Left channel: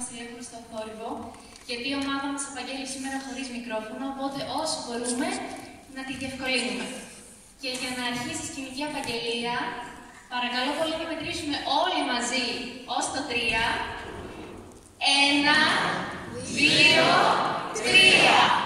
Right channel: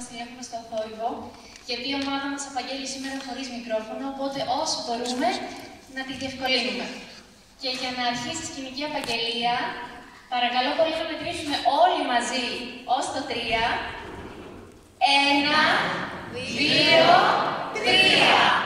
μας τηλέφωνο στο θόρυβο, γιατί η ομάδα μας απαγγέλει σήμερα χωρίς μικρόφωνο, οπότε όσο μπορούμε να τη διευκολύνουμε. Και για να αρχίσει η σκηνική απαγγελία, παρακαλώ πολύ να μετρήσουμε όλοι μαζί ως το 3. 1, 2, 3.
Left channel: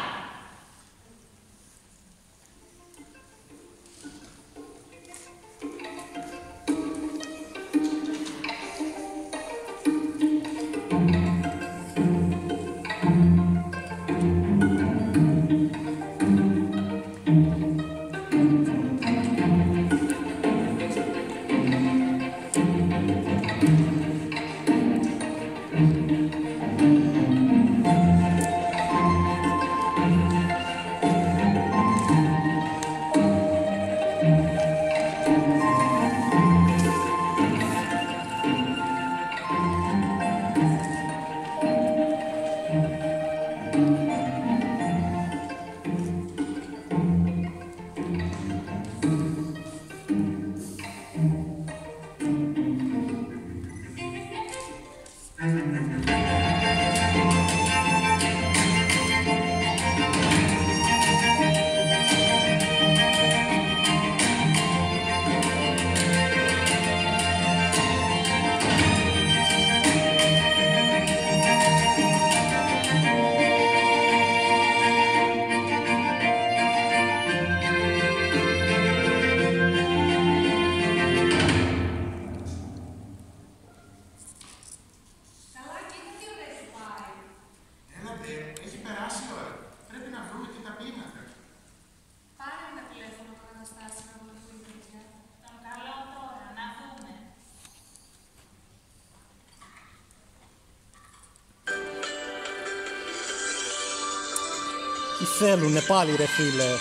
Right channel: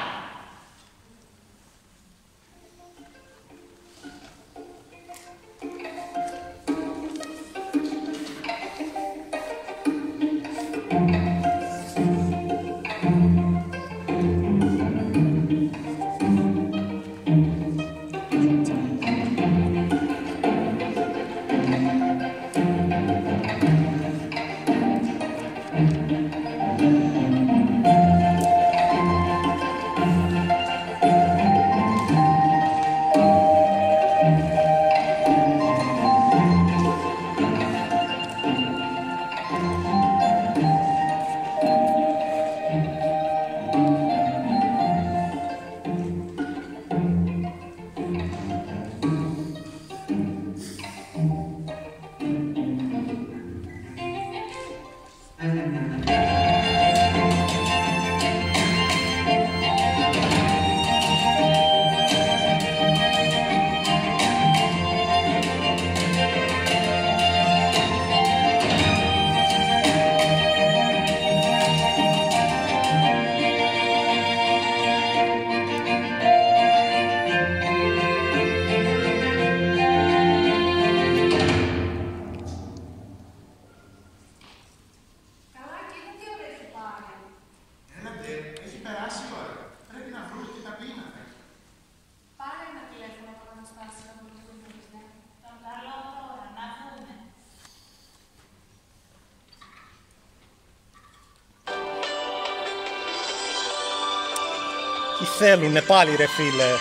Τι θέλουνε πάλι ρε φίλε?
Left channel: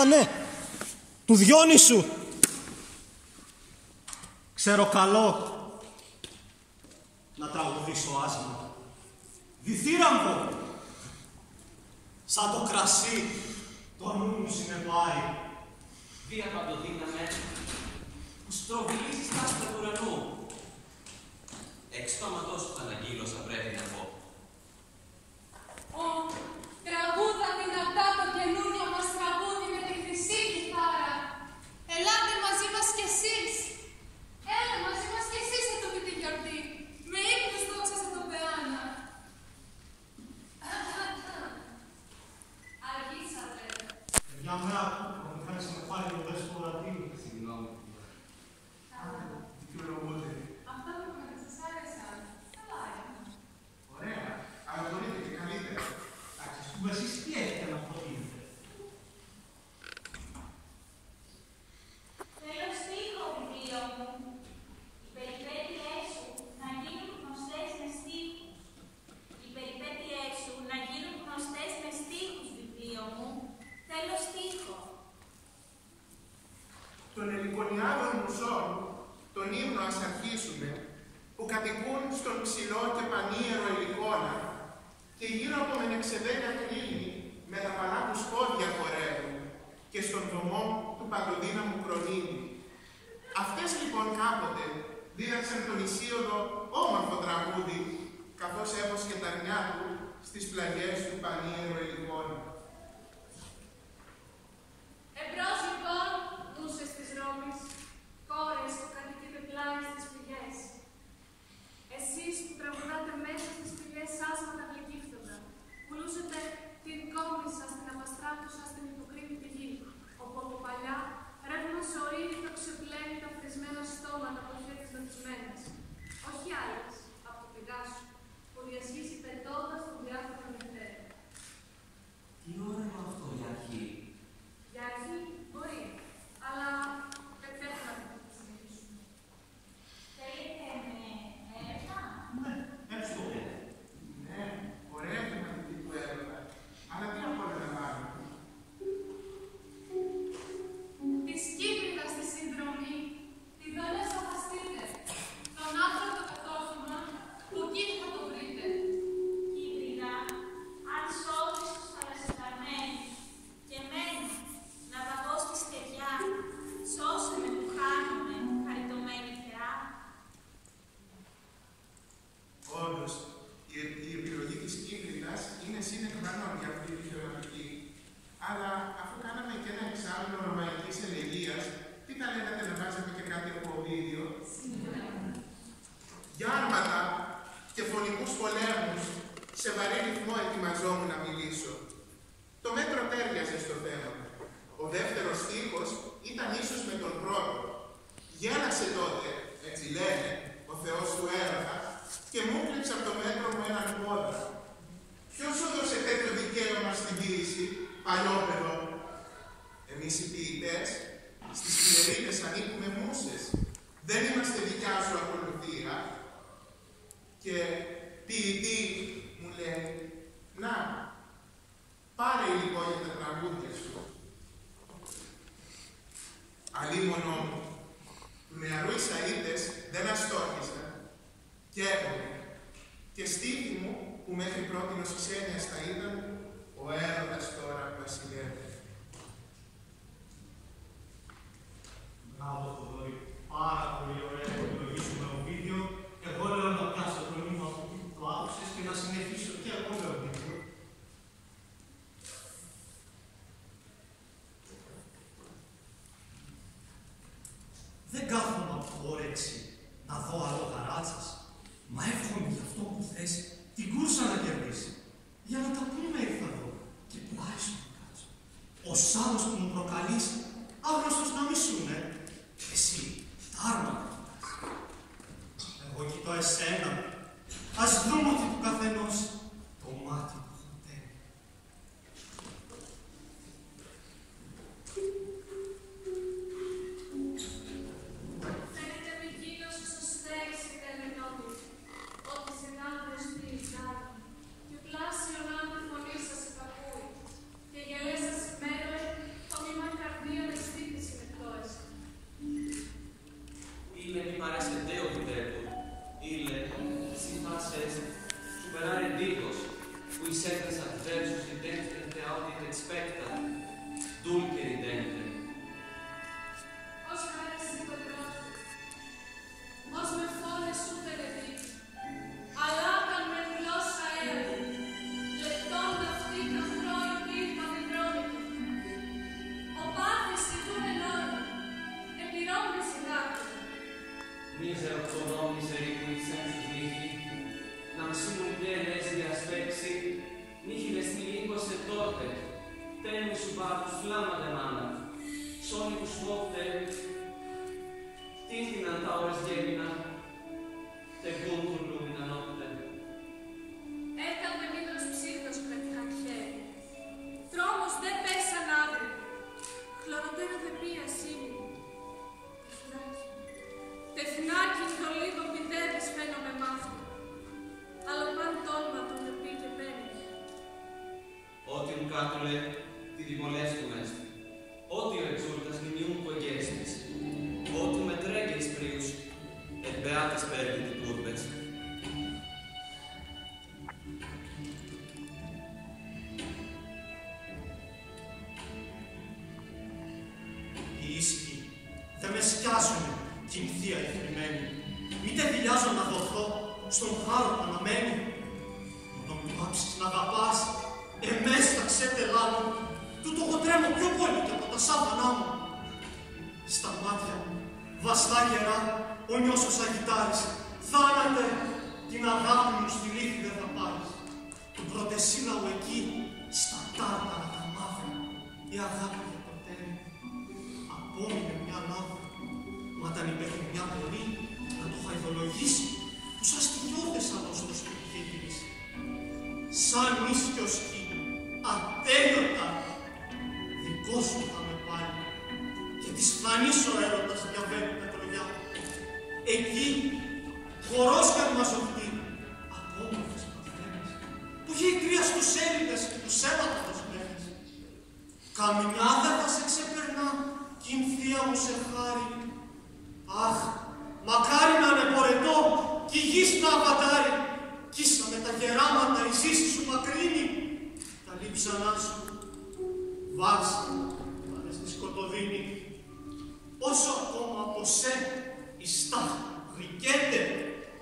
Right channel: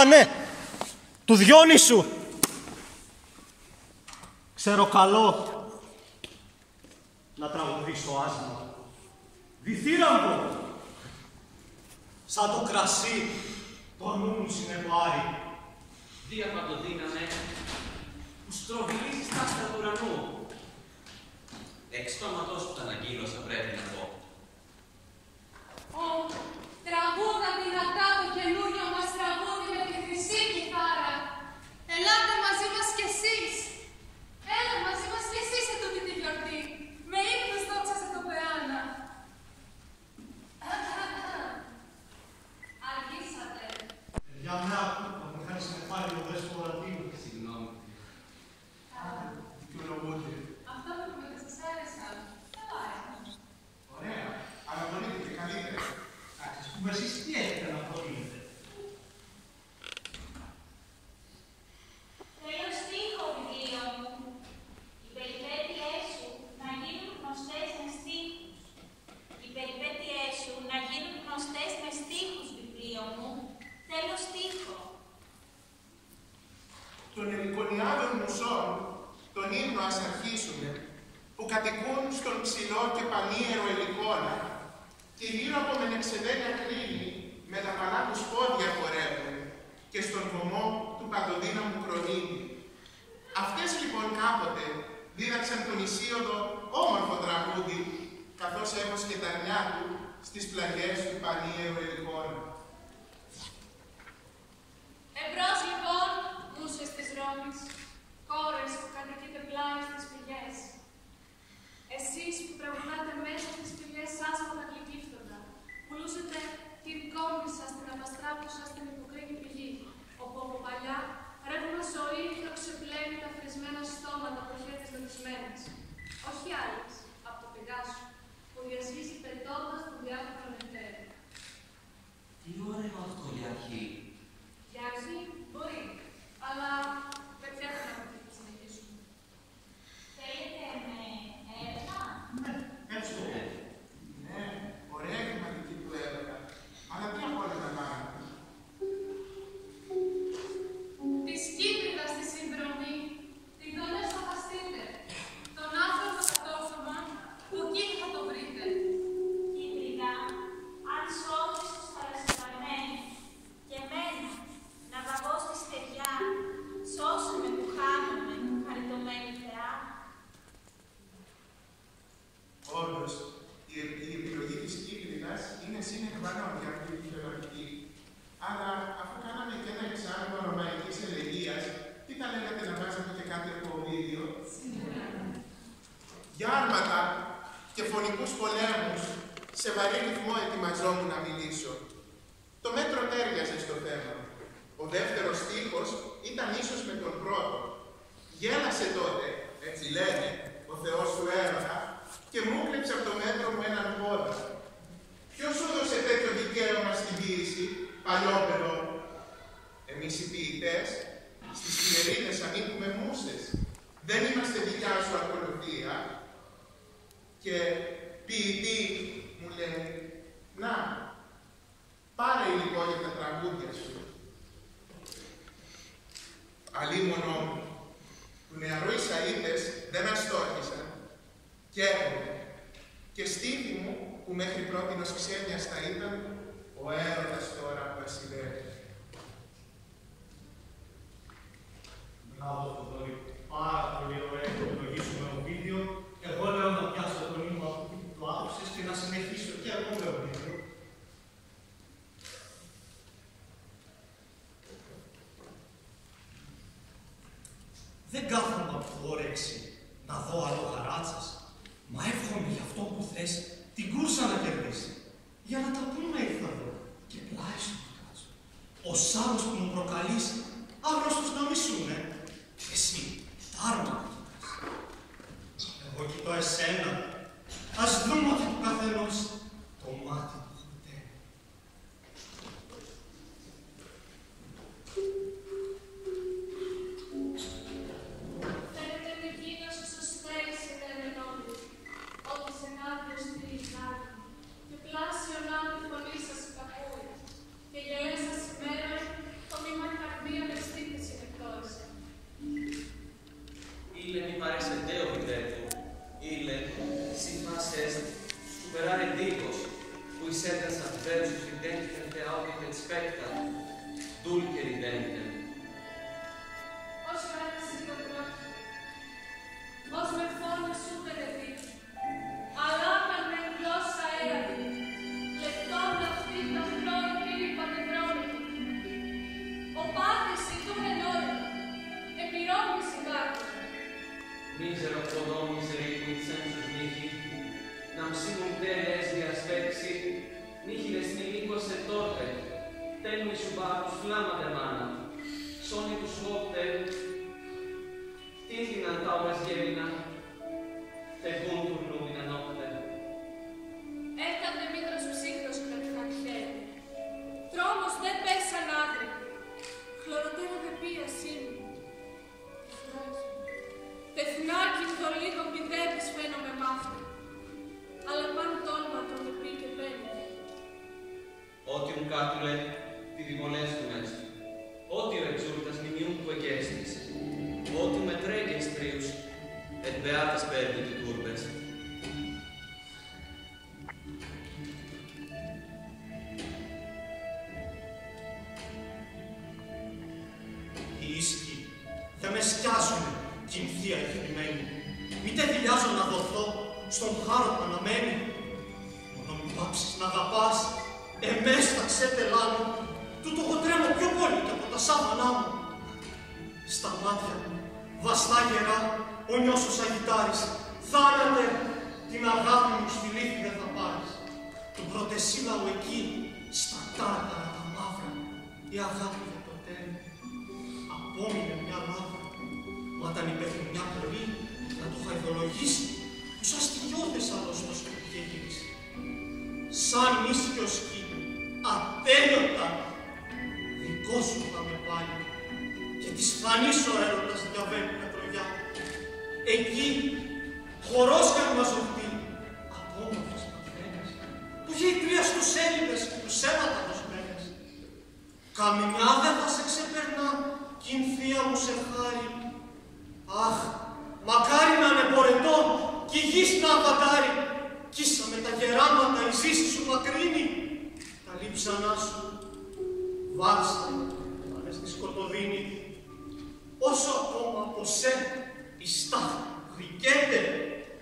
Α ναι, του Διόνυσου. Ξέρω καλό να τραγουδήσω άσμα. Διθύραμβο, σαν το κρασί το νου μου συνεπάρει. Διαπαντοδύναμε που στροβιλίζεις τα άστρα του ουρανού. Εξφαματός που θα αναγγείλωσα πρέπει να πω. Τραγούδα δυνατά το καινούριο μας τραγούδι με τη χρυσή κιθάρα. Ελάτε μαζί μας κι εσείς. Έλα μαζί μας κι εσείς σε τούτη τη γιορτή. Με ύμνους δόξα σε τον Πεάνα. Αργήσατε. Για μένα που με κάνει συνεφάλει ο Δεσποτατίου. Συγγνώμη. Δικαιολογούνται. Αυτά που με σας άρεσαν. Καλά είναι. Ωραία. Ανατολείτε και καλύτερα. Ας πούμε εσείς τι έχετε να προτείνετε? Θέλω στίχο, βιβλίο μου. Οι περιπέτειές σου να γίνουν γνωστές με στίχους. Οι περιπέτειές σου να γίνουν γνωστές με στίχους, βιβλίο μου. Θέλω στίχο. Των ελικονιάδων μουσών, τον ύμνο ας αρχίσουμε, που κατοικούν στον ψηλό και πανίερο ελικόνα και γύρω από μενεξεδένια κρίνη με τα πανά τους πόδια χορεύουν και στον βωμό του παντοδύναμου κρονίδι. Αυτές λοιπόν κάποτε δίδαξαν τον Ισίωδο όμορφο τραγούδι, καθώς έβοσκε τα αρνιά του στις πλαγιές του πανίερο ελικόνα. Εμπρός λοιπόν, μουσες της Ρώμης, κόρες που κατοικείτε πλάι στις πηγές. Εσείς που τραγουδάτε μέσα στις πηγές άσματα γλυκύφτοντα, πουλούσετε την κόμη σας, την απαστράπτουσα στην υποκρίνη πηγή, όπου από παλιά ρεύμα ζωή το ξεπλένει τα φρισμένα στόματα από χέρια νοτισμένες. Όχι άλλες, από το Πεγάσου, που διασχίζει πετώντας τον διάφορο νεφέρι. Τι ωραίο αυτό για αρχή. Για αρχή μπορεί, αλλά δεν θέλουμε να συνεχίσουμε. Θέλετε με έρευνα? Ναι. sine qua non για αυτή τη ηχειογραφική. Αλλά αφού κάναμε και ένα εξάμηνο ρωμαϊκής ελεγγύας, τι θα λέγατε να βάζαμε και κάτι από βίντεο? Για άρματα και φωνικούς πολέμους, σε βαρύ ρυθμό ετοιμαζόμουν να μιλήσω. Το μέτρο τέριαζε στο θέμα. Ο δεύτερος στίχος ήταν ίσως με τον πρώτο. Γέλασε τότε, έτσι λένε, ο Θεός του έρωτα, και μου κρύψε από το μέτρο μου έναν πόδα. Ποιος σου έδωσε τέτοιο δικαίωμα στην ποίηση, παλιόπαιδο? Εμείς οι ποιητές, στις Κυμερίδες ανήκουμε μουσες. Δεν είμαστε δικιά σου ακολουθία. Και ποιητή μου λέει, να, πάρε υλικό για τα τραγούδια σου. Αλίμονο μου, του νεαρού οι Σαΐδες δεν αστόχησαν και έρχομαι. Και στήθη μου, που μέχρι πρότινος ξένιας θα ήταν, ο έρωτας τώρα βασιλεύει. Μπράβο, Θοδωρή. Πάρα πολύ ωραία το ευλογήσουμε ο βίντεο. Εγώ λέω να πιάσω το νήμα από εκεί που το άκουσες και να συνεχίσω και εγώ με ο βίντεο. Δεν κάθομαι από το όρεξη να δω άλλο γαράτσας, μα εύχομαι για αυτό που θες την κούρσα να κερδίσει. Για να τα πούμε ήρθα εδώ και πλάι σου να κάτσω. Ο σάρος που μου προκαλείς, άγνωστος να μη σούνε, και εσύ τα άρματα κοιτάς. Εγώ κοιτώ εσένα, ας δούμε ότι του καθενός το μάτι του χορταίνει. Φαίνεται μη γίνος ίσως θέλησε καλενόμη, ότι σε ναύριο στήλης δάρει, και πλάσιον άδει φωνή σας υπακούει, και γελές σας ημέρωε, το μήμα καρδίων αισθήτης συνεκτόεσαι. Ille mi parece deo videto, ille si faces superare digos, cui sedens adversus identitem te audit et spectat, dulce ridentem. Ως χάρη συντοτρόφου, ως με φόνες σου πενετήκη, αλλά όταν με γλώσσα έρωτη, λεπτόν αυτή τα χρόνη πήρη παθεδρόμικη. Ο πάθης ητούν εν όρμα, επιρρόμνης η δάκρυ. Misero quodam misericuit sensus mihi, nam simul de lesbia spexi, nihiles mi linguas et torpe, tenmi subatus flamma de mana, sonitus opte, tintinant aues gemina, teguntur lumina nocte. Έκαμε μήτρος ψύχτος κρετικάν χέρι. Τρόμος δε πέσαν άδρυ. Χλωροτέρα δε πία σήμη. Τεθνάκι το λίγο πηδεύεις φαίνομαι μαύρο. Αλλά παν τόλμα τον δε πει και μπαίνει. Otium catule dirigolestum est, otio exultas miniumque gestis, otium et regens prius, et beatas perdit urbes. Οι ήσυχοι δεν με σκιάζουνε, κινθία η θρυμμένη. Μη τε δηλιάζω να δοθώ στον χάρο που αναμένει. Μόνο μη πάψεις να αγαπάς, εμές τα ξέτελά μου, τούτο εγώ τρέμω πιο πολύ και από τα σάβανά μου. Στα μάτια μου, βαστά γερά, ο νιώσος αγιτάρης, θάνατε, την αγάπη μου στη λύθη δεν θα πάρεις. Τον πρωτεσύλλαο εκεί, στα τάρταρα τα μαύρα, η αγάπη για το τέρι. Απόμεινε μια λάβρα, μα όταν υπέχει μια πολύ, να το χαϊδολογήσει, τους αστιώδες άλλος το σπίτι είχε γυρίσει. Σαν ίσιο σκι, ατέλειωτα, δικό σου θα με πάλι, και της φανής ο έρωτας διαβαίνει τα κρογιά. Εκεί, χορός καρμαζοχτή, απόμορφες παθρένες, που γειτρία στους Έλληνες και τους αίματα δοσμένες. Καμιά δεν θα σε ξεπερνά, κι η θεία μου σε χάρη. Αχ, μακάρι να είναι πορετό, κι η γης να απαντάρει. Κι ίσα με τα γεράματα η ζήση σου μακρύνει. Τα λείψανά σου βάρσα πάνε στη σκοτωδίνη. Όσο ακόμα από σε η στάχτη γλυκέται,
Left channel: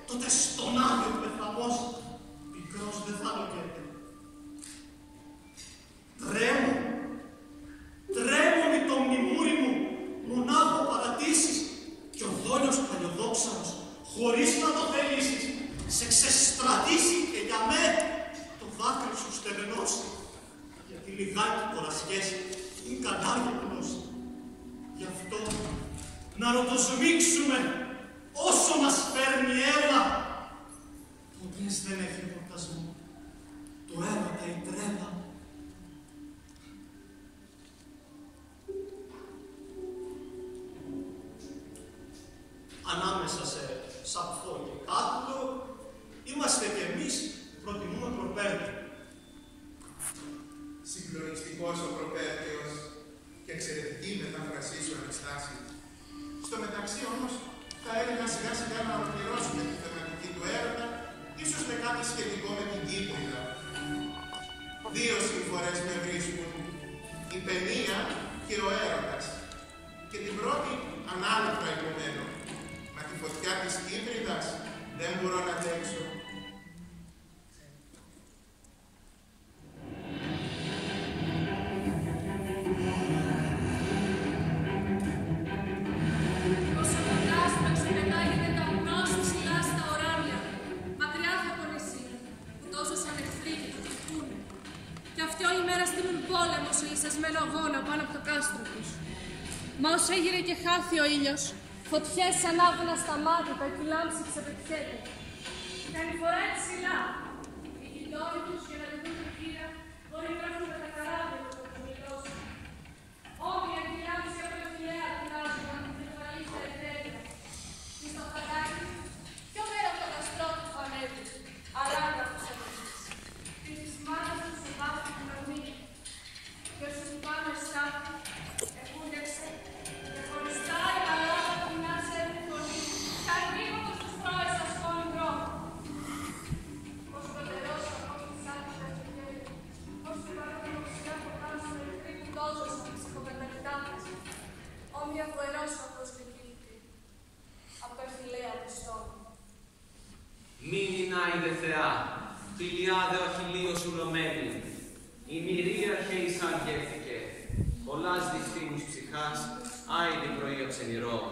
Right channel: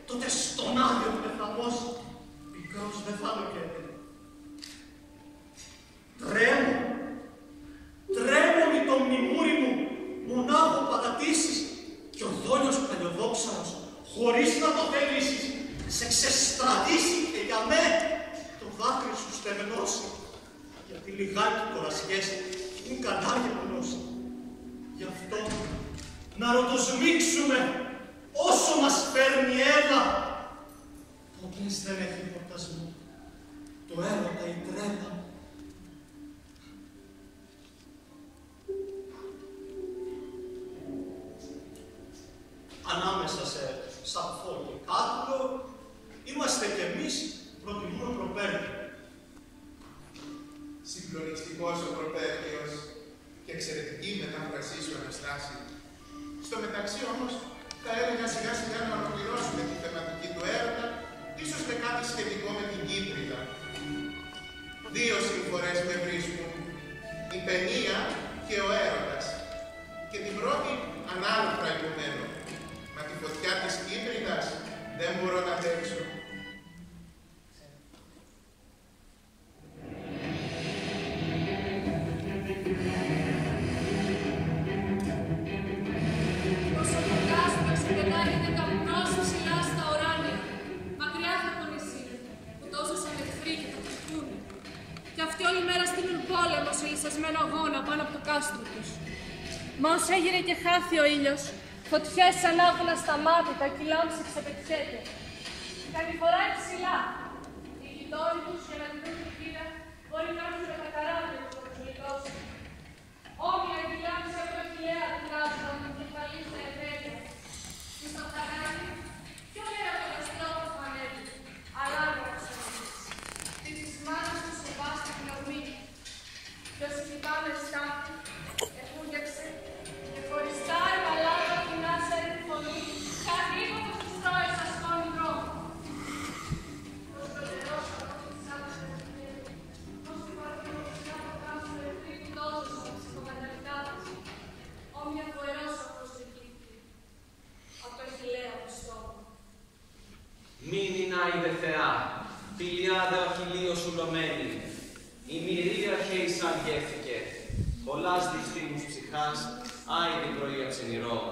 τότε στον άδειο πεθαμός πικρός δεν θα λογέται. χωρίς να το θελήσεις, σε ξεστρατήσει και για μέ το δάκρυ σου στεγνώσει. Γιατί λιγάκι κορασιές είναι κανάρια γνώση. Γι' αυτό να ρωτοσμίξουμε όσο μας φέρνει έλα. Ποτές δεν έχει χορτασμό το έρωτα η τρέλα. Ανάμεσα σε σαπφό και κάτουλο είμαστε κι εμείς που προτιμούμε προπέρτη. Συγκλονιστικός ο προπέρτιος και εξαιρετική μετάφρασή σου, Αναστάση. Στο μεταξύ όμως, θα έλεγα σιγά σιγά να ολοκληρώσουμε τη θεματική του έρωτα, ίσως με κάτι σχετικό με την Κύπριδα. Δύο συμφορές με βρίσκουν, η παινία και ο έρωτας. Και την πρώτη ανάλογα υπομένω. Μα τη φωτιά της Κύπριδας δεν μπορώ να αντέξω. Όσο το κάστρο ξεπετάγεται καπνός ψηλά στα ουράνια, μακριά θα το νησί, που τόσο σαν εχθροί και το χτυπούνε. Κι αυτοί όλη μέρα στείλουν πόλεμο σε λυσασμένο αγώνα πάνω από το κάστρο τους. Μα όσο έγειρε και χάθη ο ήλιος, φωτιές ανάβουν ασταμάτητα κι η λάμψη ξεπετιέται. Κάτι φοράει ψηλά. Οι γειτόνοι τους για να δουν την κύρα μπορεί να έρθουν με τα καράβια του κοκκινητός. Όμοια τη λάμψη από το χιλέα του κάστρο να την κεφαλή στα εταιρεία. Και στο χαράκι, πιο πέρα από το στρόφο που ανέβει, αράγκα τους ανέβεις. Και της μάτας του σοβάστη την ορμή. Και όσοι κοιτάμε στάχτη, εφούντεξε και χωριστά η μαλάκα που να σε φωνή, καρνίγω που τους τρώει στα σκόνη δρόμου. Πώς το τερός ο ακόμη σαν τους ευκαιρίες, πώς την καρδιά μου σιγά κοντά σου περιτρίκει τόσο στα ψυχοκαταρρυκτά της, όμοια φοερός ο αποστεκήθηκε από το αχιλλέα του στόμου. Μην εινάιδε Θεά, φιλιάδε ο χιλίος ουλωμένη, η μυρία χέισαν γεύθηκε, πολλάς διφθήνους ψυχάς, άιδη πρωία ξενηρών.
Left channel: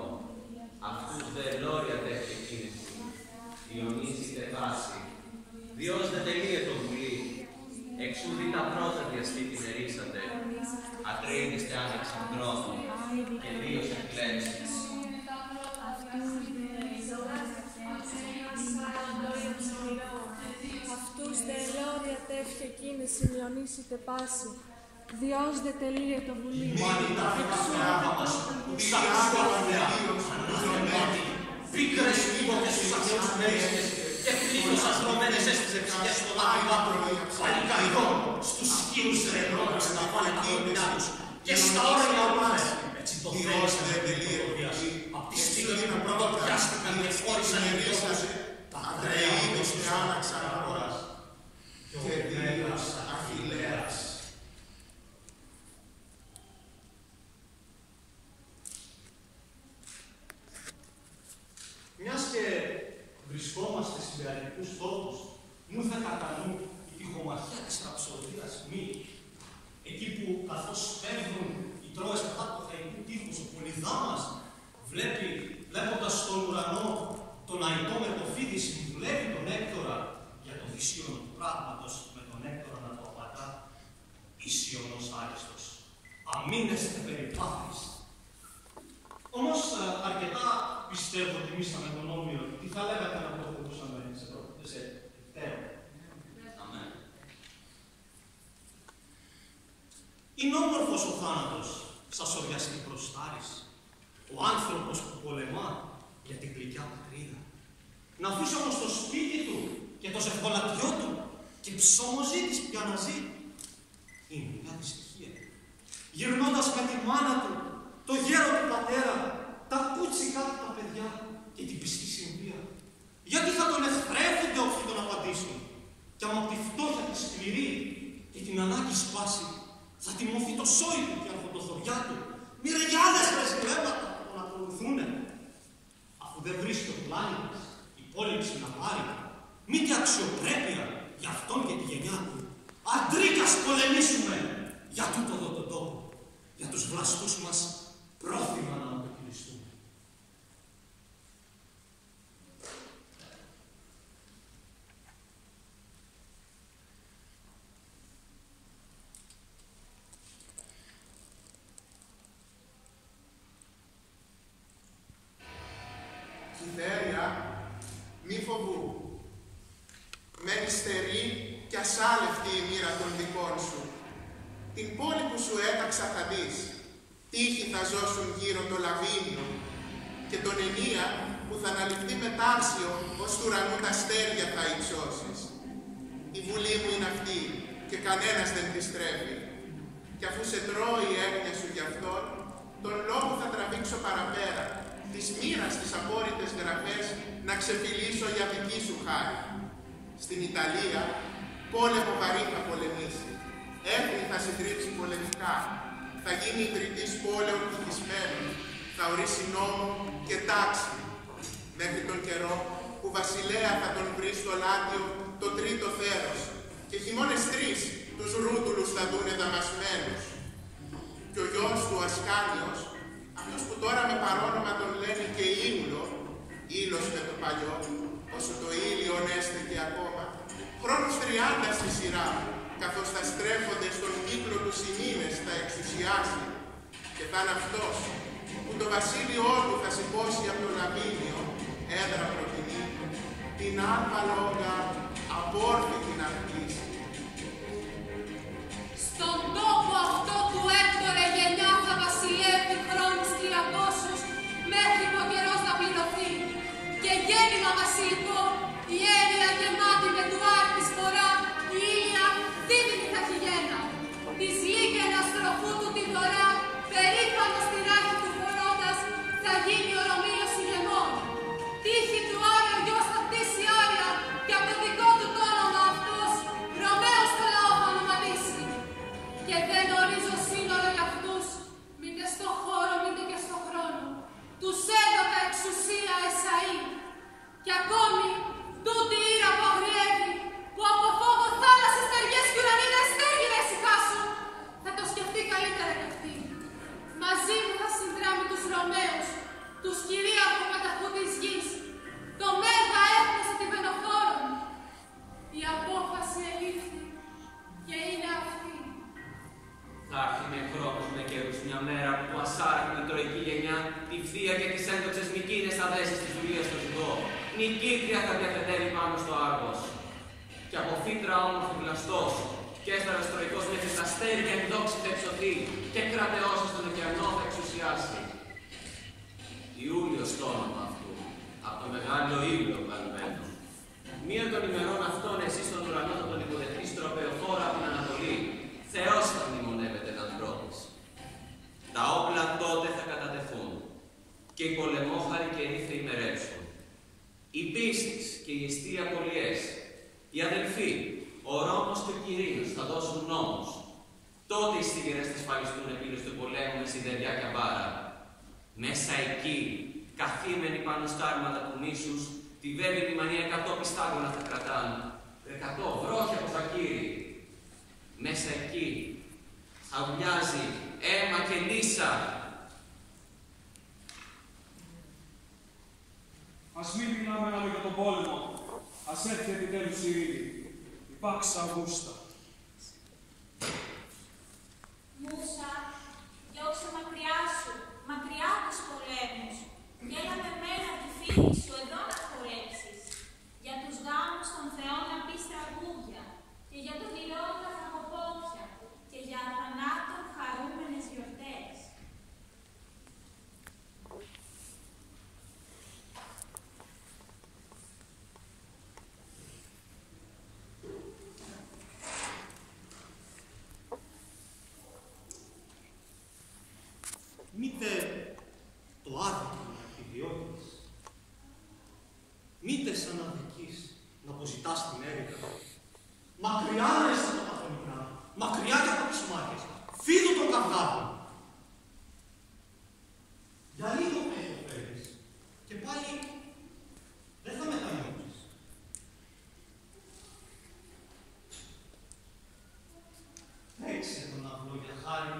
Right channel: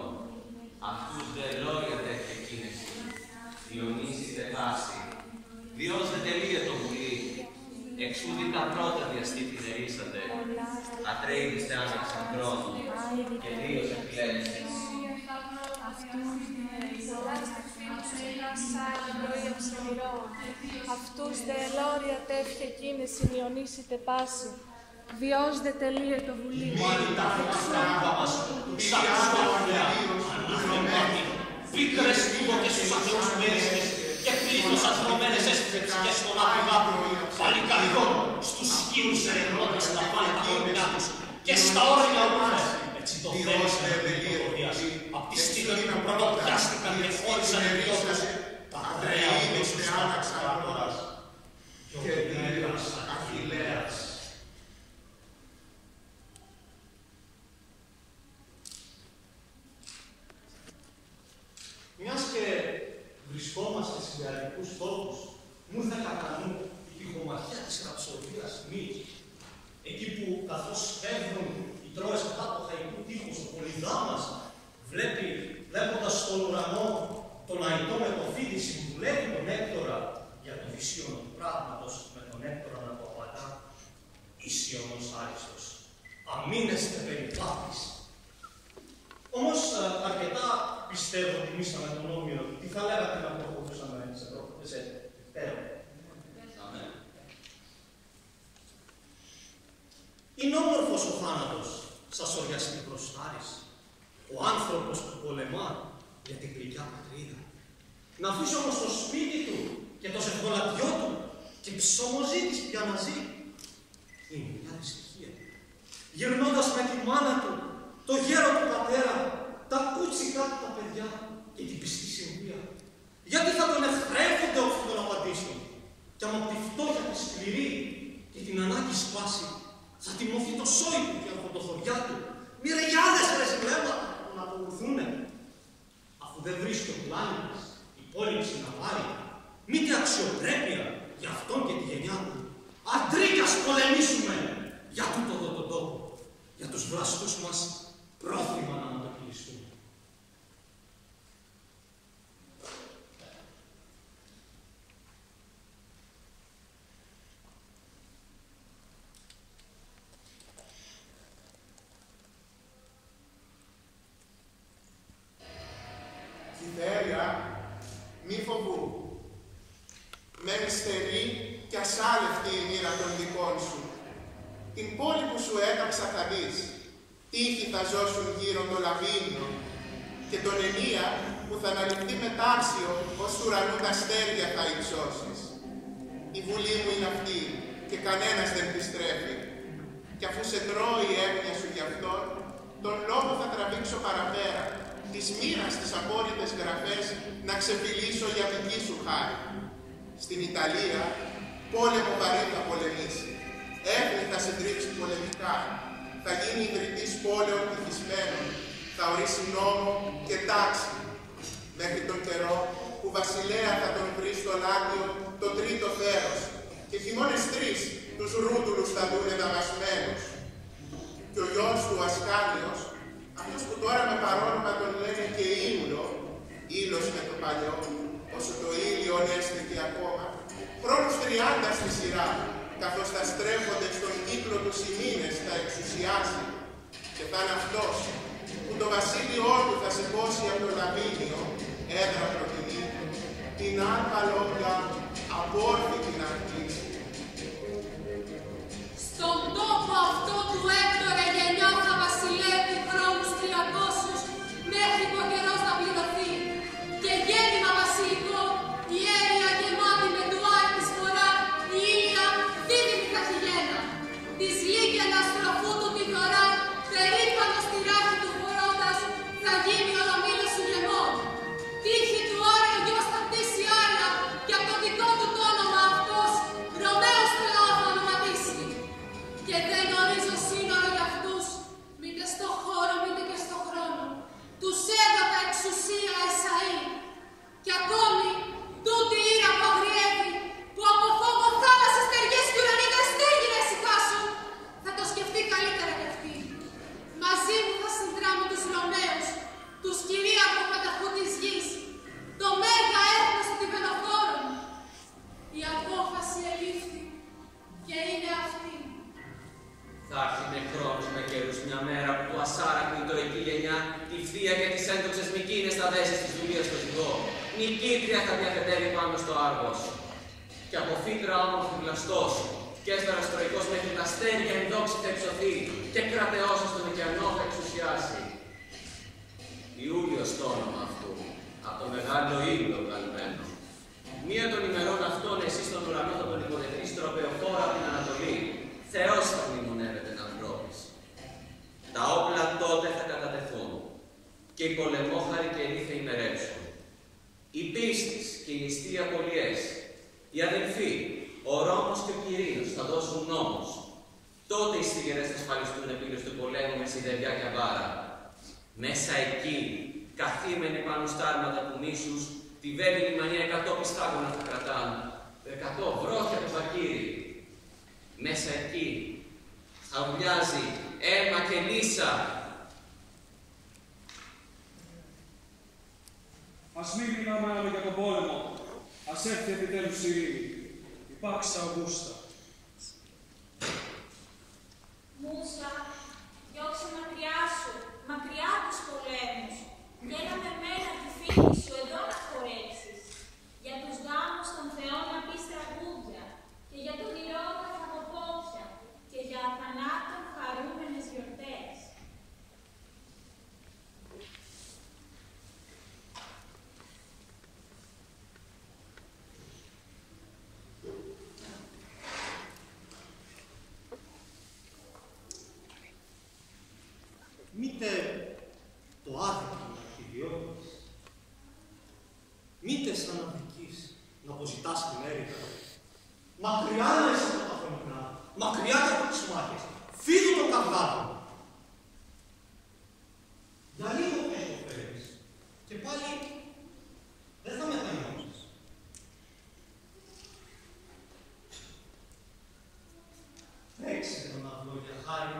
Αυτούς δε λόρια τέχε κίνεση, διονύσιτε βάση, Διός δε τελείε το βουλή, εξούδη τα πρώτα διασκήτη νερίσατε, ατρέιδιστε άναξαν χρόνο, και Δίος επιλέξεις. Αυτούς δε ελόρια τεύχε κίνηση διονύσιτε πάση, Διός δε τελείε το βουλή. Μάλιστα τα μας, του ξαπιστόφιλια, αναθεμάτη, πίκρες πούδοκες στους αθεούς μερίστες και πλήθος αθρωμένες έστειζε ψυχές στον άδειγα, παλικαριδό, στους σκύλους ερευνώντας να πάνε τα κορμινά τους και στα όρια μας. Έτσι το θέλησε με την προδίας, απ' τη στιγμή που πρωτοπιάστηκαν και φόρησαν εντός τα αδρέα οδύσσους άναξαν αγοράς και Δίος Αχιλλέας. Μιας και βρισκόμαστε σε ιδεαλικούς τόπους, μου ήρθε κατά νου η πηχομαχιά της ραψοδίας Μίκη. Εκεί που καθώς φεύγουν οι Τρώες απάτοχα του τείχους, ο Πολυδάμας βλέποντας στον ουρανό τον αητό με το φίδι συμβουλεύει τον Έκτορα για το δυσίωνο του πράγματος, με τον Έκτορα να το απαντά «Ισιώνος άριστος, αμήνεστε περιπάτης». Όμως αρκετά πιστεύω ότι μίσαμε τον Όμηρο. Τι θα λέγατε να προχωρούσαμε σε Δευτέρο. Είναι όμορφος ο θάνατος, σας οριαστή προστάρης. Ο άνθρωπος που πολεμά για την γλυκιά πατρίδα. Να αφήσει όμως το σπίτι του και το ζευγολατιό του και ψωμοζήτης πια να ζει. Είναι μια δυστυχία. Γυρνώντας με τη μάνα του, το γέρο του πατέρα, τα κούτσικα του τα παιδιά και την πιστή συνδία. Γιατί θα τον εχθρέφονται όσοι τον απαντήσουν. Κι άμα από τη φτώχεια τη σκληρή και την ανάγκη σπάσει, θα τιμωθεί το σόι του και η αρχοντοθωριά του. Μυριάδες ρεσιλέματα θα τον ακολουθούνε. Αφού δεν βρίσκει ο πλάνητας υπόλοιψη να πάρει, μήτε αξιοπρέπεια για αυτόν και τη γενιά του. Αντρίκας πολεμήσουμε για τούτο εδώ τον τόπο, για τους βλαστούς μας πρόθυμα να ματοκυλιστούν. μένει στερή και ασάλευτη η μοίρα των δικών σου. Την πόλη που σου έταξα θα δεις, τείχοι θα ζώσουν γύρω το Λαβίνιο και τον Ενία που θα αναλυφθεί μετάξιο ως του ουρανού τα αστέρια θα υψώσεις. Η βουλή μου είναι αυτή και κανένας δεν τη στρέφει. Κι αφού σε τρώει η έγνοια σου γι' αυτόν, τον λόγο θα τραβήξω παραπέρα, της μοίρας τις απόρριτες γραφές να ξεφυλίσω για δική σου χάρη. Στην Ιταλία, πόλεμο βαρύ θα πολεμήσει. Έθνη θα συντρίψει πολεμικά. Θα γίνει ιδρυτής πόλεων τυχισμένων. Θα ορίσει νόμο και τάξη. Μέχρι τον καιρό που βασιλέα θα τον βρει στο Λάτιο το τρίτο θέρος. Και χειμώνες 3 τους ρούτουλους θα δούνε δαμασμένους. Και ο γιος του Ασκάνιος, αυτός που τώρα με παρόνομα τον λένε και Ήλιο, ήλος με το παλιό, όσο το ήλιον έστεκε ακόμα, χρόνους 30 στη σειρά, καθώς θα στρέφονται στον κύκλο τους οι μήνες θα εξουσιάσει, και θα είναι αυτός που το βασίλειό του θα σηκώσει από το Λαβίνιο, έδρα προτιμή, την Άλπα Λόγκα απόρθητη να χτίσει. Στον τόπο αυτό του Έκτορε γενιά θα βασιλεύει χρόνους 300 μέχρι που ο καιρός να πληρωθεί. Και γέννημα βασιλικό, η Έρια γεμάτη με ντουάρ της φορά, η Ήλια δίδυμη θα χειγένα. Της Λύκαινα στροφού του τη δωρά, περήφανο στη ράχη του φορώντας, θα γίνει ο Ρωμήλος σου γεμών. Τύχη του Άρεο γιος θα χτίσει Άρια, και από το δικό του το όνομα αυτός, Ρωμαίους το λαό θα ονοματίσει. Και δεν ορίζω σύνορο για αυτούς, μήτε στο χώρο μήτε και στο χρόνο. Τους έδωκα εξουσία Εσαΐ. Και ακόμη, τούτη ήρα που αγριεύει, που από φόβο θάλασσες, στεριές και ουρανίδες στέγη να ησυχάσουν, θα το σκεφτεί καλύτερα κι αυτή. Μαζί μου θα συνδράμει τους Ρωμαίους, τους κυρίαρχου πανταχού της γης, το μέγα έθνος των Τιβενοφόρων. Η απόφαση ελήφθη και είναι αυτή. Θα έρθει με χρόνους με καιρούς μια μέρα που του ασάρακου η τροϊκή γενιά τη βδία και τις έντοξες Μικίνες θα δέσει της δουλείας στο ζυγό. Νικήτρια θα διαθετεύει πάνω στο Άργος. Και από φύτρα όμορφη βλαστός, και έστερας τροϊκός μέχρι τα αστέρια ενδόξη θα υψωθεί, και κρατεός στον ωκεανό θα εξουσιάσει. Ιούλιος το όνομα αυτού, από το μεγάλο ήλιο βγαλμένο. Μία των ημερών αυτών εσύ στον ουρανό θα τον υποδεχτείς τροπεοφόρα από την Ανατολή. Θεός θα μνημονεύεται εν ανθρώπης. Τα όπλα τότε θα κατατεθούν και οι πολεμόχαροι καιροί θα ημερέψουν. Οι πίστης και οι εστί απολιές, οι αδελφοί, ο Ρώμος και ο Κυρίος θα δώσουν νόμους. Τότε οι σίγερες θα ασφαλιστούν επίλες του πολέμου με σιδεριά και αμπάρα. Μέσα εκεί, καθήμενοι πάνω στα άρματα του μίσους, τη βέβαιη μανία 100 πιστάγωνα θα κρατάνε, 100 βρόχια από φακύρι. Μέσα εκεί θα ουλιάζει αίμα και λύσα. Ας μην μιλάμε άλλο για τον πόλεμο. Ας έρθει επιτέλους η ειρήνη. Υπάρξε Αυγούστα. Μούσα, διώξε μακριά σου, μακριά τους πολέμους. Και έλα με μένα τη φίλη σου εδώ να χορέψεις. Για τους γάμους των θεών να πεις τραγούδια. Και για τον ηρώτα φαγοπότια. Και για αθανάτων χαρούμενες γιορτές. Μήτε το άδικο να επιδιώκεις, μήτε σαν να δικείς να αποζητάς την έρηδα. Μακριά να είσαι από τα χωνικά, μακριά και από τις μάχες, φίδου των καυγάδων. Για λίγο θα υποφέρεις και πάλι δεν θα μετανιώσεις. Παίξε τον αυλό για χάρη.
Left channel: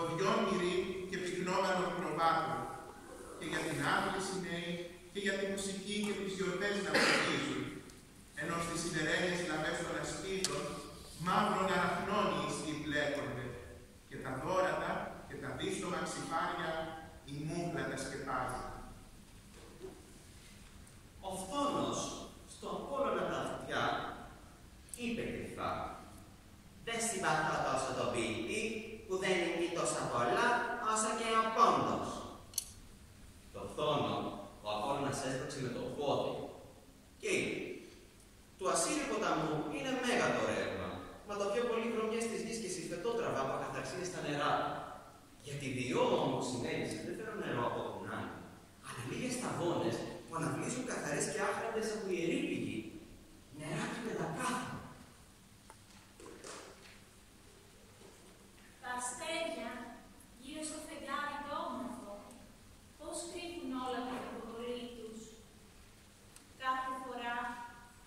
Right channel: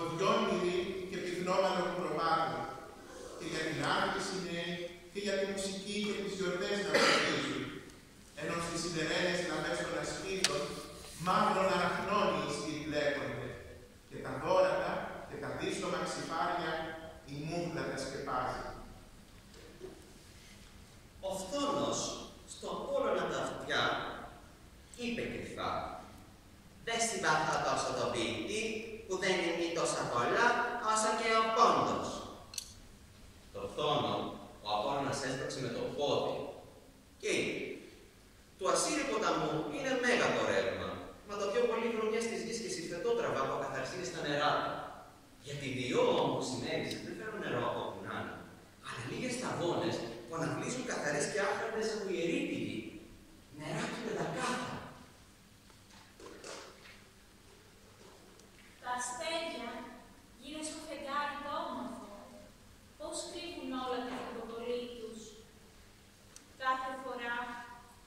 ποδιών μυρί και πυκνόμενων προβάτων, και για την άδρυση νέοι, και για τη μουσική και τις γιορτές να φωτίζουν, ενώ στις σιδερένες λαβές των ασκήτων, μαύρων αραχνών οι ισχύοι μπλέκονται, και τα δώρατα και τα δύστομα ψηφάρια η μούχλα τα σκεπάζει. Ο φθόνος στον πόλωνα τα αυτιά είπε κρυφά: «Δεν συμπαθώ τόσο τον ποιητή που δεν είναι τόσα πολλά όσο και ο πόντος». Το φθόνο ο Απόλλωνας έσπρωξε με το πόδι και είπε: «Του Ασσύριου ποταμού είναι μέγα το ρεύμα, μα το πιο πολύ βρωμιές της γης και συμφετότραβα από ακαθαρσίες στα νερά του. Γιατί διό όμως συνέβησε δεν φέρω νερό από όπου να είναι, αλλά λίγες σταγόνες που αναβλύζουν καθαρές και άχραντες από ιερή πηγή. Νεράκι πεντακάθαρα». Τα αστέρια γύρω στο φεγγάρι το όμορφο, πώς κρύβουν όλα την υποκολή τους. Κάθε φορά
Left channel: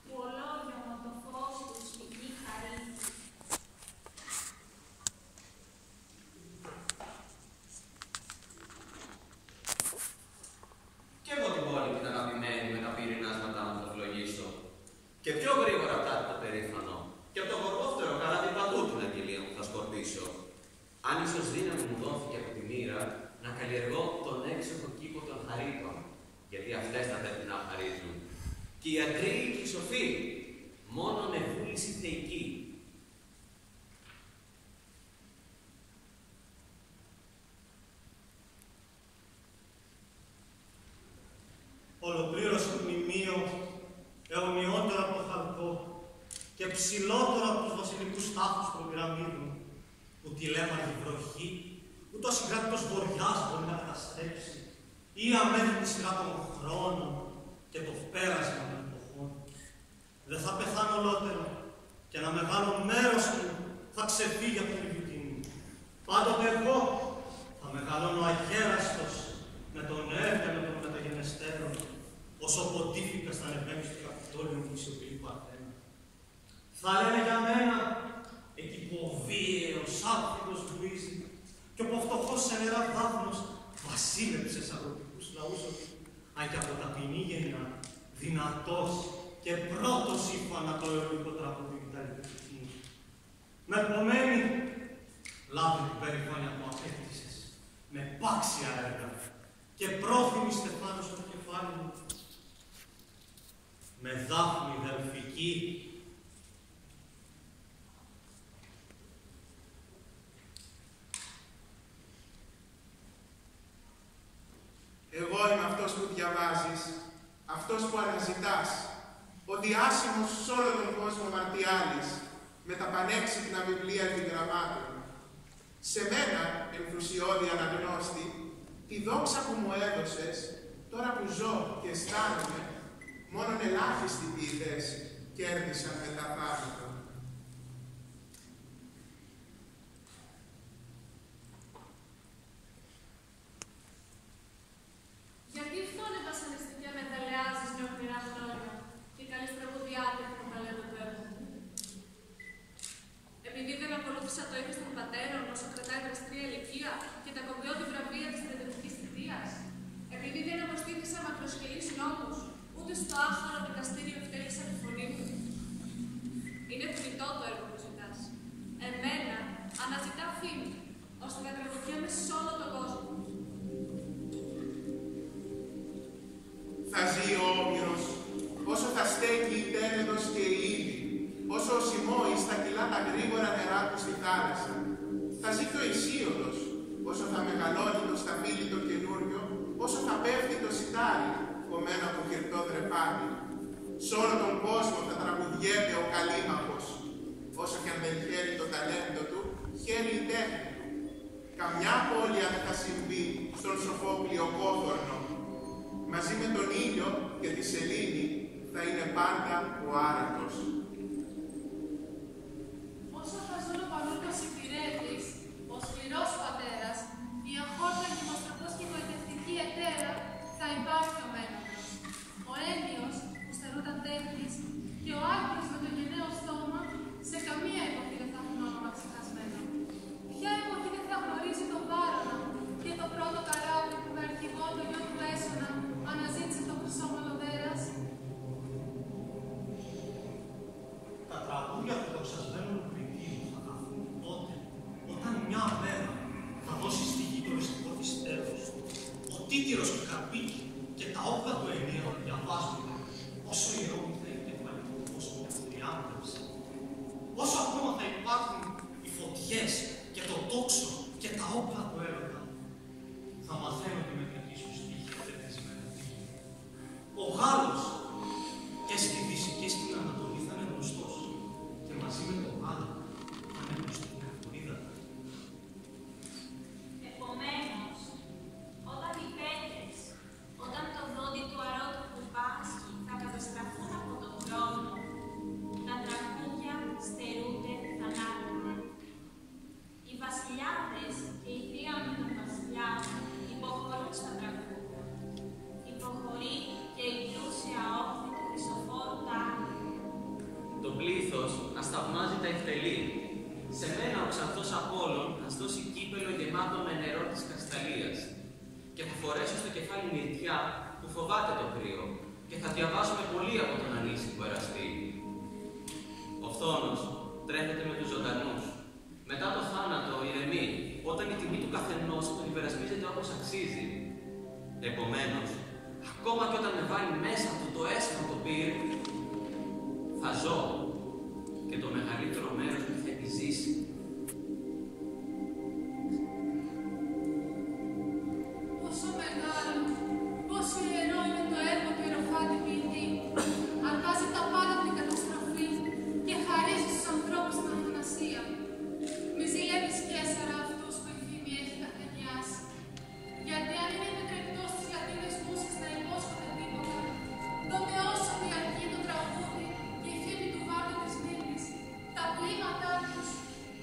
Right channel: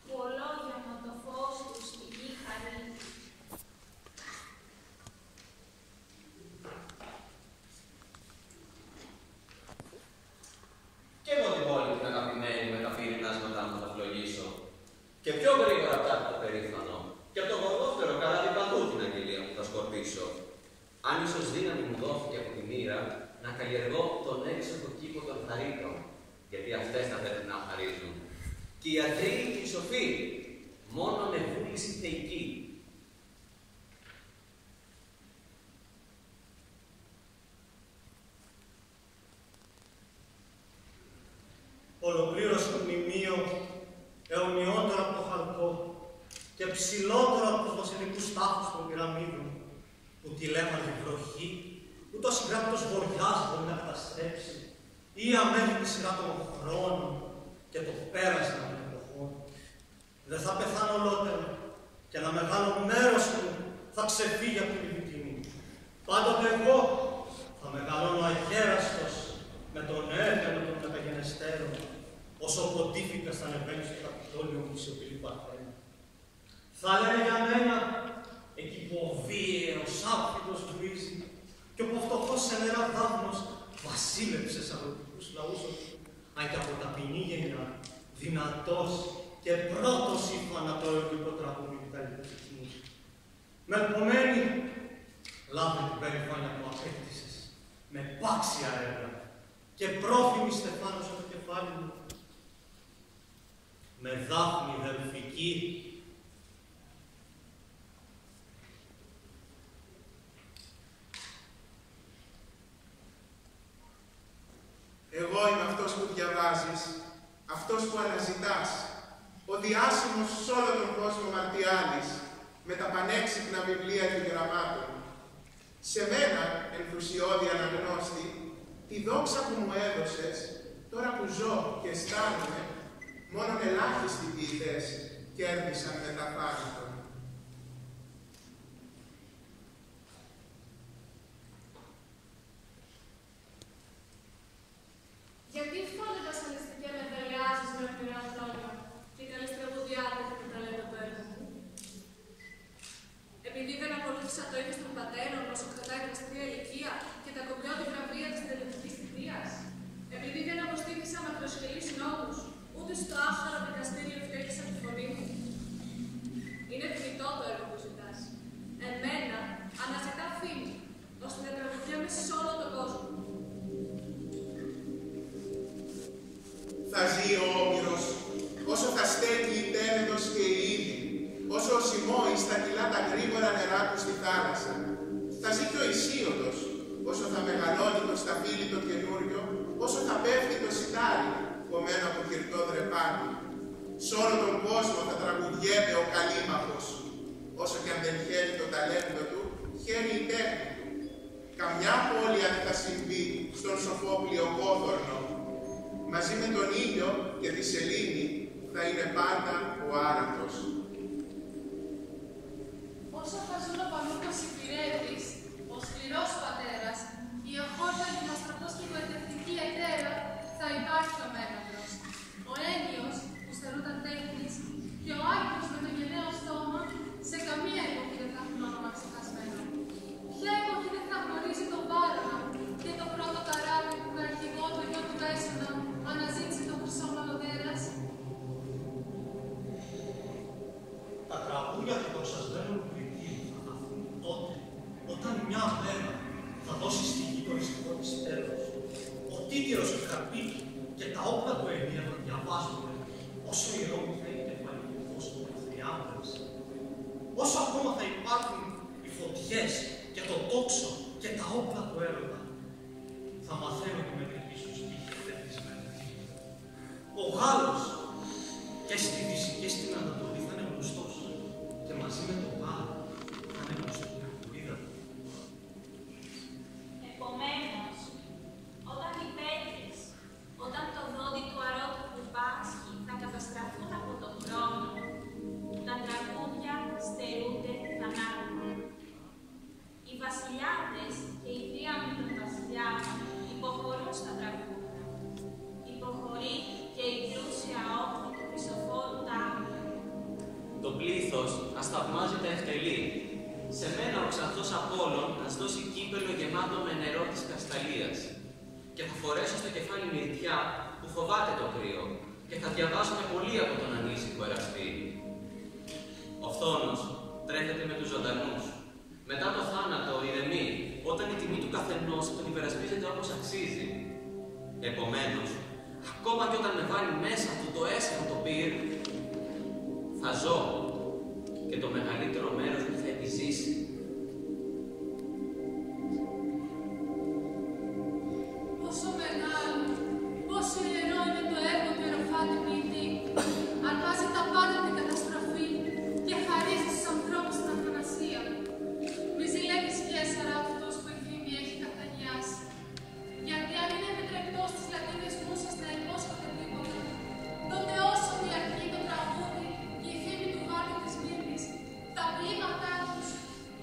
που ολόγιομο το φως τους στη γη χαρίζει. Κι εγώ την πόλη την αγαπημένη με τα πυρηνάσματά μου θα φλογίσω. Και πιο γρήγορα από το περήφανο. Και από το γοργόφτερο καράβι παντού την αγγελία μου θα σκορπίσω. Αν ίσως δύναμη μου δόθηκε από τη μοίρα να καλλιεργώ τον έξοχο κήπο των χαρίτων, γιατί αυτές θα πρέπει να χαρίζουν. Και οι αντροί και οι σοφοί, μόνο με βούληση θεϊκή. Ολοκλήρωσε το μνημείο αιωνιότερο από το χαλκό και ψηλότερο από τους βασιλικούς τάφους των πυραμίδων, που τη λέμαργη βροχή, ούτε ο συγκράτητος βοριάς μπορεί να καταστρέψει, ή αμέτρητη σειρά των χρόνων και το πέρασμα των εποχών. Δεν θα πεθάνω ολότερο και ένα μεγάλο μέρος μου θα ξεφύγει από την Λιβυτίνη. Πάντοτε εγώ θα μεγαλώνω αγέραστος με τον έργανο των μεταγενεστέρων, όσο ο Ποντίφικας θα ανεβαίνει στο Καπιτόλιο μου η σιωπηλή Παρθένα. Θα λένε για μένα εκεί που ο βίαιος άφητος βρίζει και όπου ο φτωχός σε νερά δάφνος βασίλεψε σε αγροτικούς λαούς, αν και από ταπεινή γενιά, δυνατός και πρώτος ύφανα το ερωτικό τραγούδι του καλλιτεχνισμού. Με επομένη, λάβε την περηφάνεια που απέκτησες, με πάξια έργα και πρόφημη στεφάνωσε το κεφάλι μου, με δάφνη δελφική. Εγώ είμαι αυτός που διαβάζεις, αυτός που αναζητάς, ο διάσημος σ' όλο τον κόσμο Μαρτιάλης, με τα πανέξυπνα βιβλία επιγραμμάτων. Σε μένα, ενθουσιώδη αναγνώστη, τη δόξα που μου έδωσες, τώρα που ζω και αισθάνομαι, μόνον ελάχιστοι ποιητές κέρδισαν μεταθάνατον. Γιατί φώνοντας αναισθητικά με δαλεάζεις με ορφηρά λόγια και καλείς τραγουδιάτε που τα λέω το έργο μου. Επειδή δεν ακολούθησα το ήθος των πατέρων όσο κρατάει δραστρία ηλικία και τα κοπιώδη βραβεία της στρατιωτικής θητείας. Επειδή δεν αποστήθησα μακροσχελείς νόμους, ούτε στο άχαρο δικαστήριο ευτέλισα τη φωνή μου. Είναι θνητό το έργο που ζητάς. Εμένα αναζητά φήμη, ώστε να τραγουδιέμαι σε όλο τον κόσμο. Θα ζει ο Όμηρος, όσο θα στέκει η Τένεδος και η Ήλη, όσο ο Σιμώης θα κυλά τα γρήγορα νερά του στη θάλασσα. Θα ζει και ο Ισίωδος, όσο θα μεγαλώνει το σταφύλι το καινούριο, όσο θα πέφτει το σιτάρι, κομμένο από κυρτό δρεπάνι. Σ' όλο τον κόσμο θα τραγουδιέται ο καλήμαχος, όσο και αν δεν χαίρει το ταλέντο του, χαίρει η τέχνη του. Καμιά πόλια δεν θα συμβεί στον σοφό πλειοκόθορνο. Μαζί με τον ήλιο και τη σελήνη θα είναι πάντα ο άρατος. Όσο θα ζουν ο Πανούρκος Υπηρέτης, ο σκληρός πατέρας, η αχόρτανη νοστροπός και η γοητευτική ετέρα, θα υπάρχει ο Μένοντρος. Ο Ένιος που στερούταν τέχνης και ο Άγιος με το γενναίο στόμα, σε καμία εποχή δεν θα έχουν όνομα ξεχασμένο. Ποια εποχή δεν θα γνωρίζει τον διαβάζονται, όσο ιερόμυθα είναι το παλιό κόσμο που θριάμβευσε, όσο ακόμα θα υπάρχουν οι φωτιές και το τόξο και τα όπλα του έρωτα, θα μαθαίνω τη μετρική σου στίχη ευτεθισμένη. Ο Γάλλος και στη Δύση και στην Ανατολή θα είναι γνωστός και μαζί με τον Γάλλο θα είναι γνωστή η Αρκουρίδα. Επομένως, όταν οι πέτρες, όταν το δόντι του αρώτου που πάσχει θα καταστραφούν από τον χρόνο, τα τραγούδια στερούνται θανάτου. Οι βασιλιάδες και οι θρίαμβοι των βασιλιάδων υποχωρούν στα τραγούδια. Υποχωρεί και η πλούσια όχθη του Χριστοφόρου Τάου. Το πλήθος ας θαυμάζει τα εκτελεί. Σε μένα ο ξανθός Απόλλων ας δώσει κύπελο γεμάτο με νερό της Κασταλίας. Και θα φορέσω στο κεφάλι μυρτιά που φοβάται το κρύο και θα διαβάζουμε πολύ από τον ανήσυχο εραστή. Ο φθόνος τρέφεται με τους ζωντανούς. Μετά το θάνατο ηρεμεί, όταν η τιμή του καθενός τον υπερασπίζεται όπως αξίζει. Επομένως, ακόμα και όταν με βάλει μέσα του το έσχατο πυρ, θα ζω και το μεγαλύτερο μέρος μου θα επιζήσει. Πόσο μεγάλο, πόσο ιερό είναι το έργο του ιεροφάτη ποιητή. Αρπάζει τα πάντα την καταστροφή και χαρίζει στους ανθρώπους την αθανασία. Μη ζηλεύεις, Καίσαρα, αυτούς που η φήμη έχει καθανιάσει. Γιατί αν είναι επιτρεπτό στις λατίνες μουσες να υπόσχονται τίποτα, τότε όσο διαρκεί το τραγούδι και η φήμη του Γάλλου της Μύρνης, τα ποίηματά τους,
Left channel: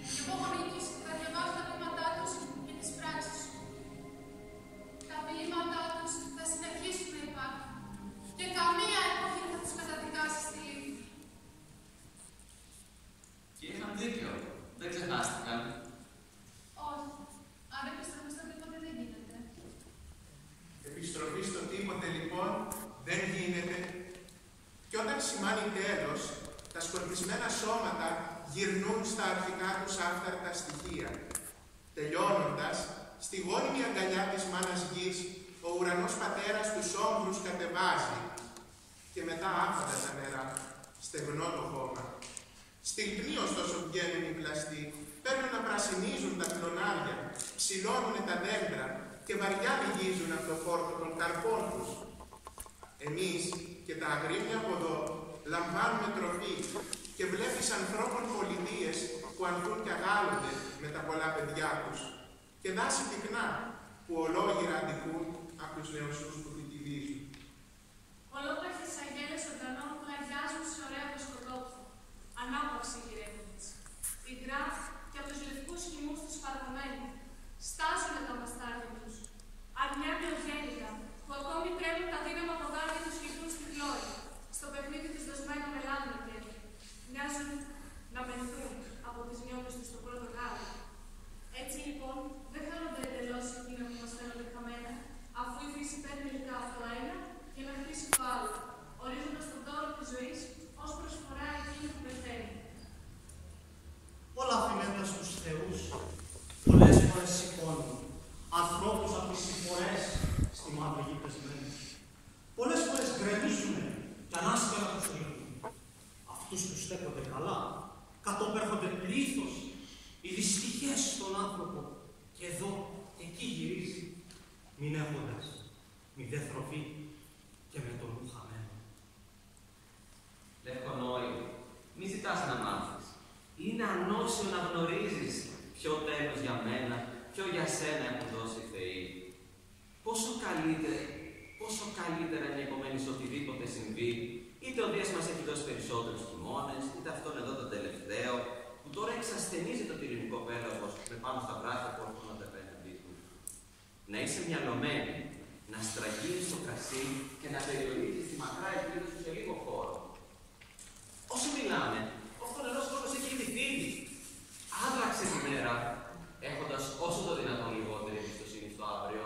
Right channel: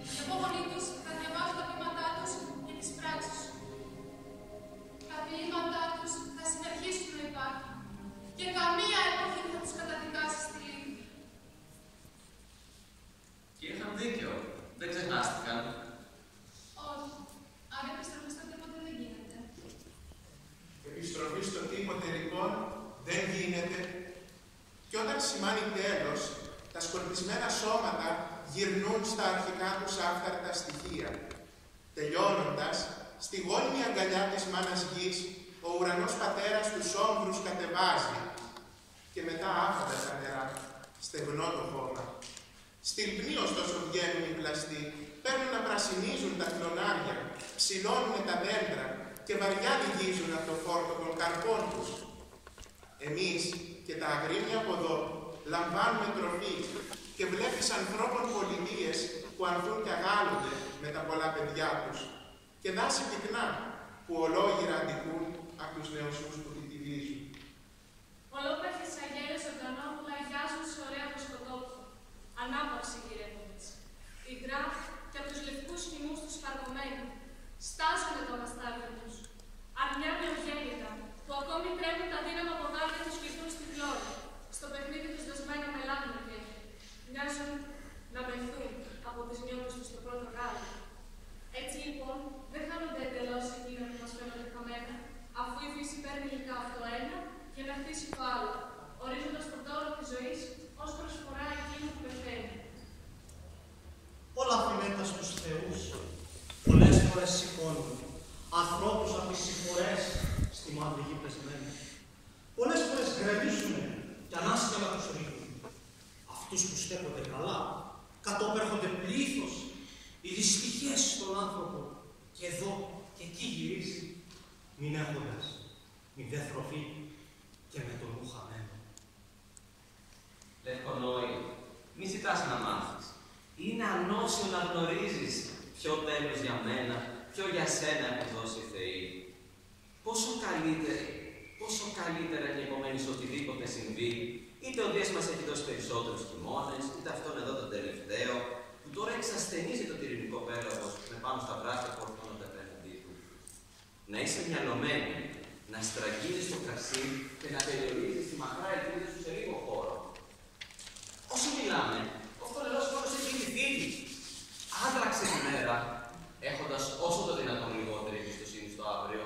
οι υπόγονοι τους θα διαβάζουν τα ποίηματά τους και τις πράξεις σου. Τα ποίηματά τους θα συνεχίσουν να υπάρχουν και καμία εποχή δεν θα τους καταδικάσει στη λύπη. Και είχαν δίκιο. Δεν ξεχάστηκαν. Όχι. Αν επιστροφή στο τίποτε δεν γίνεται. Επιστροφή στο τίποτε λοιπόν δεν γίνεται. Και όταν σημάνει τέλος, τα σκορπισμένα σώματα γυρνούν στα αρχικά τους άφθαρτα στοιχεία. Τελειώνοντας, στη γόνιμη αγκαλιά της μάνας γης, ο ουρανός πατέρας τους όμβρους κατεβάζει και μετά άφαντα τα νερά, στεγνό το χώμα. Στυλπνοί ωστόσο βγαίνουν οι πλαστοί, παίρνουν να πρασινίζουν τα κλονάρια, ψηλώνουν τα δέντρα και βαριά λυγίζουν από το φόρτο των καρπών τους. Εμείς και τα αγρίμια από εδώ λαμβάνουμε τροφή και βλέπεις ανθρώπων πολιτείες που ανθούν και αγάλλονται με τα πολλά παιδιά τους και δάση πυκνά που ολόγυρα αντικούν από τους νεοσούς που τη τυβίζουν. Ολόπαιχτες αγγέλες ζωντανών που λαγιάζουν σε ωραία προσκοτόπια. Ανάπαυση γυρεύοντας. Υγρά και από τους λευκούς χυμούς τους φαρμωμένοι. Στάζουνε τα μαστάρια τους. Αρνιά νεογέννητα που ακόμη τρέμουν τα δύναμα ποδάρια τους και στη γλώρια. Στο παιχνίδι τους δοσμένα με λάδινο κέφι. Μοιάζουν να μεθούν από τις νιώμες τους στο πρώτο γάλα. Έτσι λοιπόν δεν χάνονται εντελώς εκείνα που μας φαίνονται χαμένα, αφού η φύση παίρνει υλικά από το ένα για να χτίσει το άλλο, ορίζοντας τον τόρο της ζωής ως προσφορά εκείνου που πεθαίνει. Όλα αφινέτα στους θεούς πολλές φορές σηκώνουν ανθρώπους από τις συμφορές στη μαύρη γη πεσμένους. Πολλές φορές γκρεμίζουν και ανάσκαλα τους ρίχνουν. Αυτούς που στέκονται καλά, κατόπερχονται πλήθος, οι δυστυχίες στον άνθρωπο και εδώ και εκεί γυρίζει, μην έχοντας μηδέ τροφή και με τον νου χαμένο. Λευκονόη, μη ζητάς να μάθεις. Είναι ανώσιο να γνωρίζεις ποιο τέλος για μένα, ποιο για σένα έχουν δώσει οι Θεοί. Πόσο καλύτερα είναι επομένως οτιδήποτε συμβεί, είτε ο Δίας μας έχει δώσει περισσότερους χειμώνες, είτε αυτόν εδώ τον τελευταίο, που τώρα εξασθενίζει το τυριννικό πέλαγος με πάνω στα βράχια που ορθώνονται απέναντί του. Να είσαι μυαλωμένη, να στραγγίζεις το κρασί και να περιορίζεις τη μακρά ελπίδα σου σε λίγο χώρο. Όσο μιλάμε, ο φθονερός χρόνος έχει ήδη φύγει. Άντραξε τη μέρα, έχοντας όσο το δυνατόν λιγότερη εμπιστοσύνη στο αύριο.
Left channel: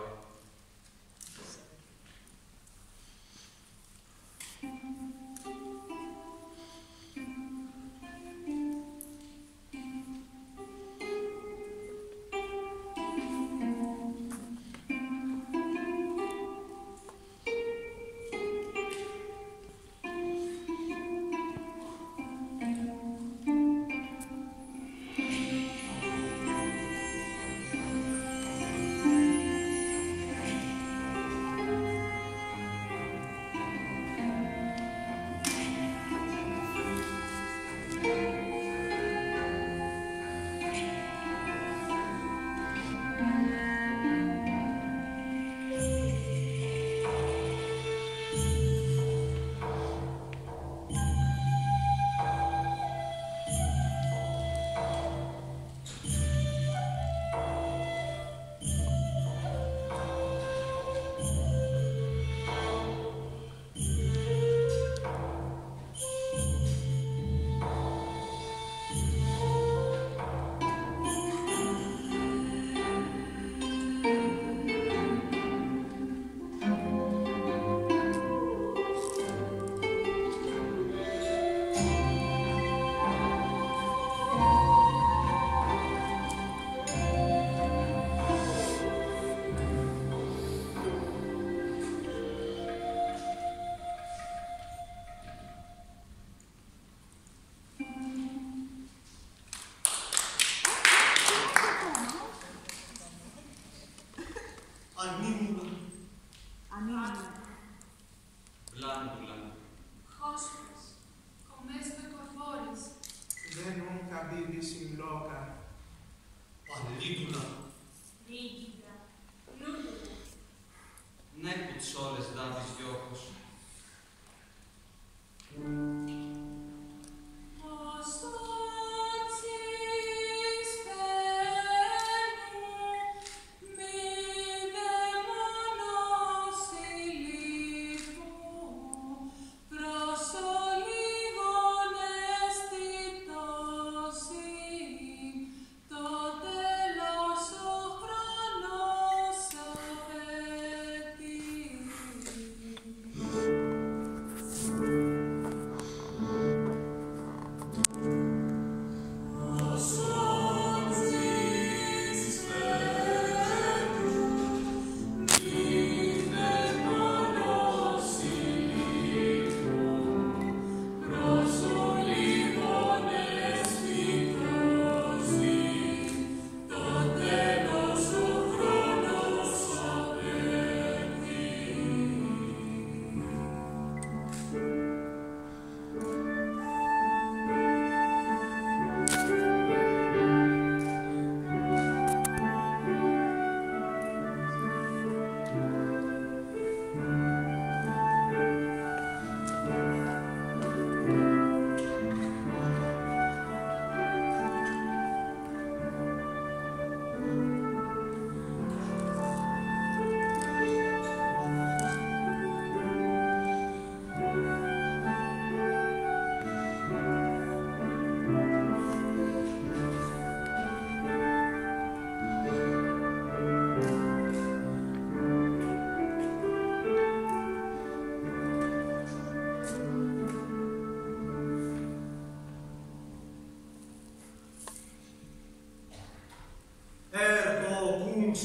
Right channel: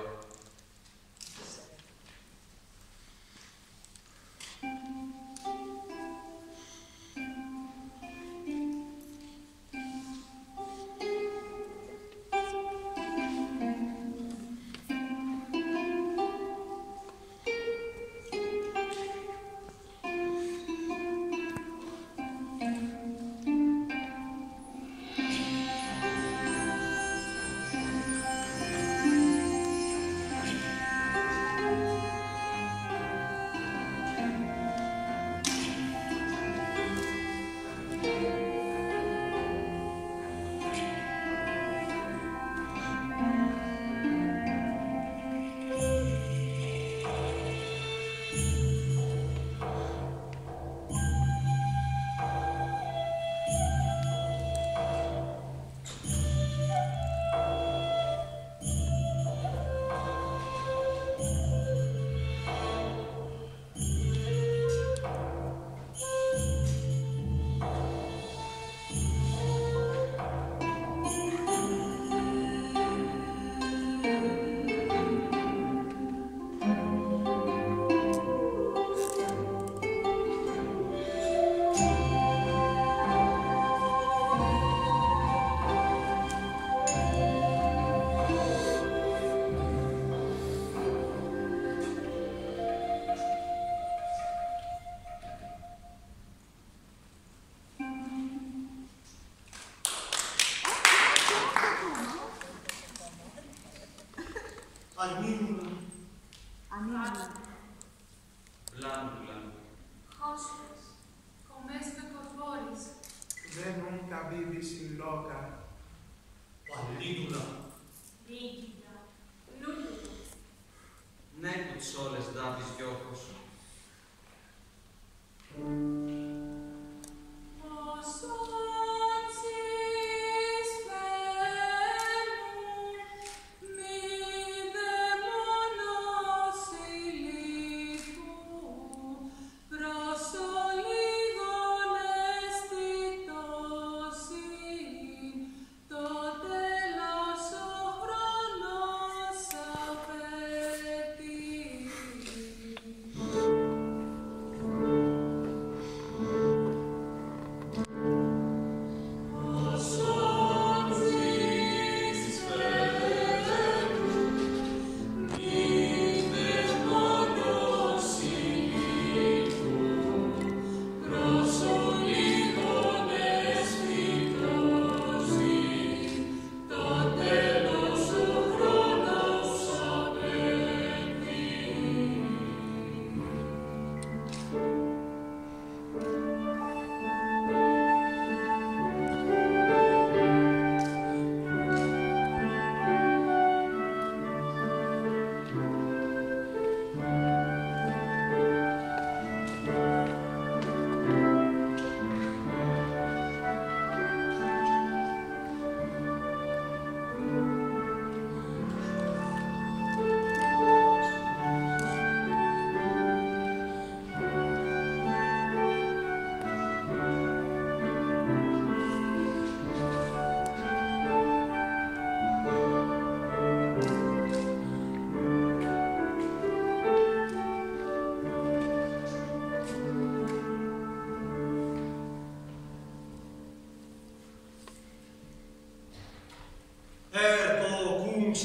Ανήμουλα. Ανήμουλα. Βλάντουλα. Χόσπες. Κομμές με κορβόρις. Δεν nunca vivis in loca. Παλίδουλα. Ρίγκιδα. Νούλουλα. Ναι που τις όλες δάβεις γιώχος.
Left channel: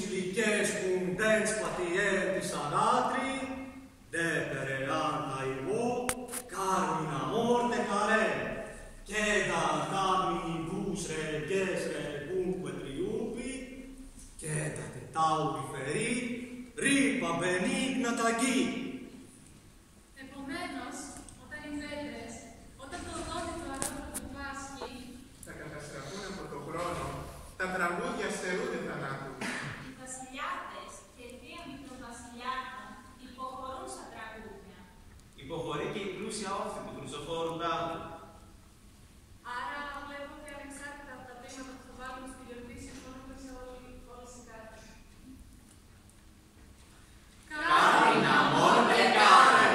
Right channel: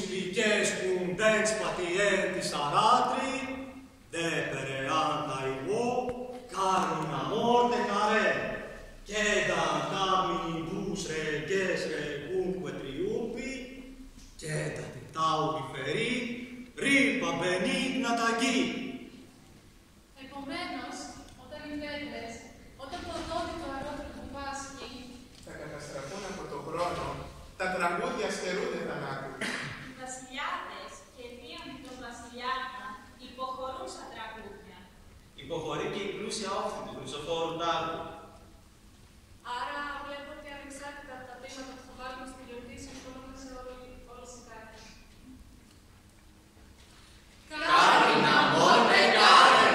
Siliches cum dens patientis aratri, de pereanta ivo, carmina morte care, quedam damini bus reges regumque triumpi, quedate tauri feri, ripa benigna tagi. Επομένως, όταν οι δέντρες, όταν το δόντι το αρρώστιο του Πάσχη, θα καταστραφούν από τον χρόνο, τα τραγούδια στερούνται θανάτου. Οι βασιλιάδες και δίωμοι των βασιλιάδων υποχωρούν στα τραγούδια. Υποχωρεί και η πλούσια όχθη του Χρυσοφόρου Τάβρου. άρα βλέπω ότι ανεξάρτητα από τα βήματα που θα βάλουμε στη γιορτή, συμφωνούμε σε όλες οι κάρτες. Carmina morte care.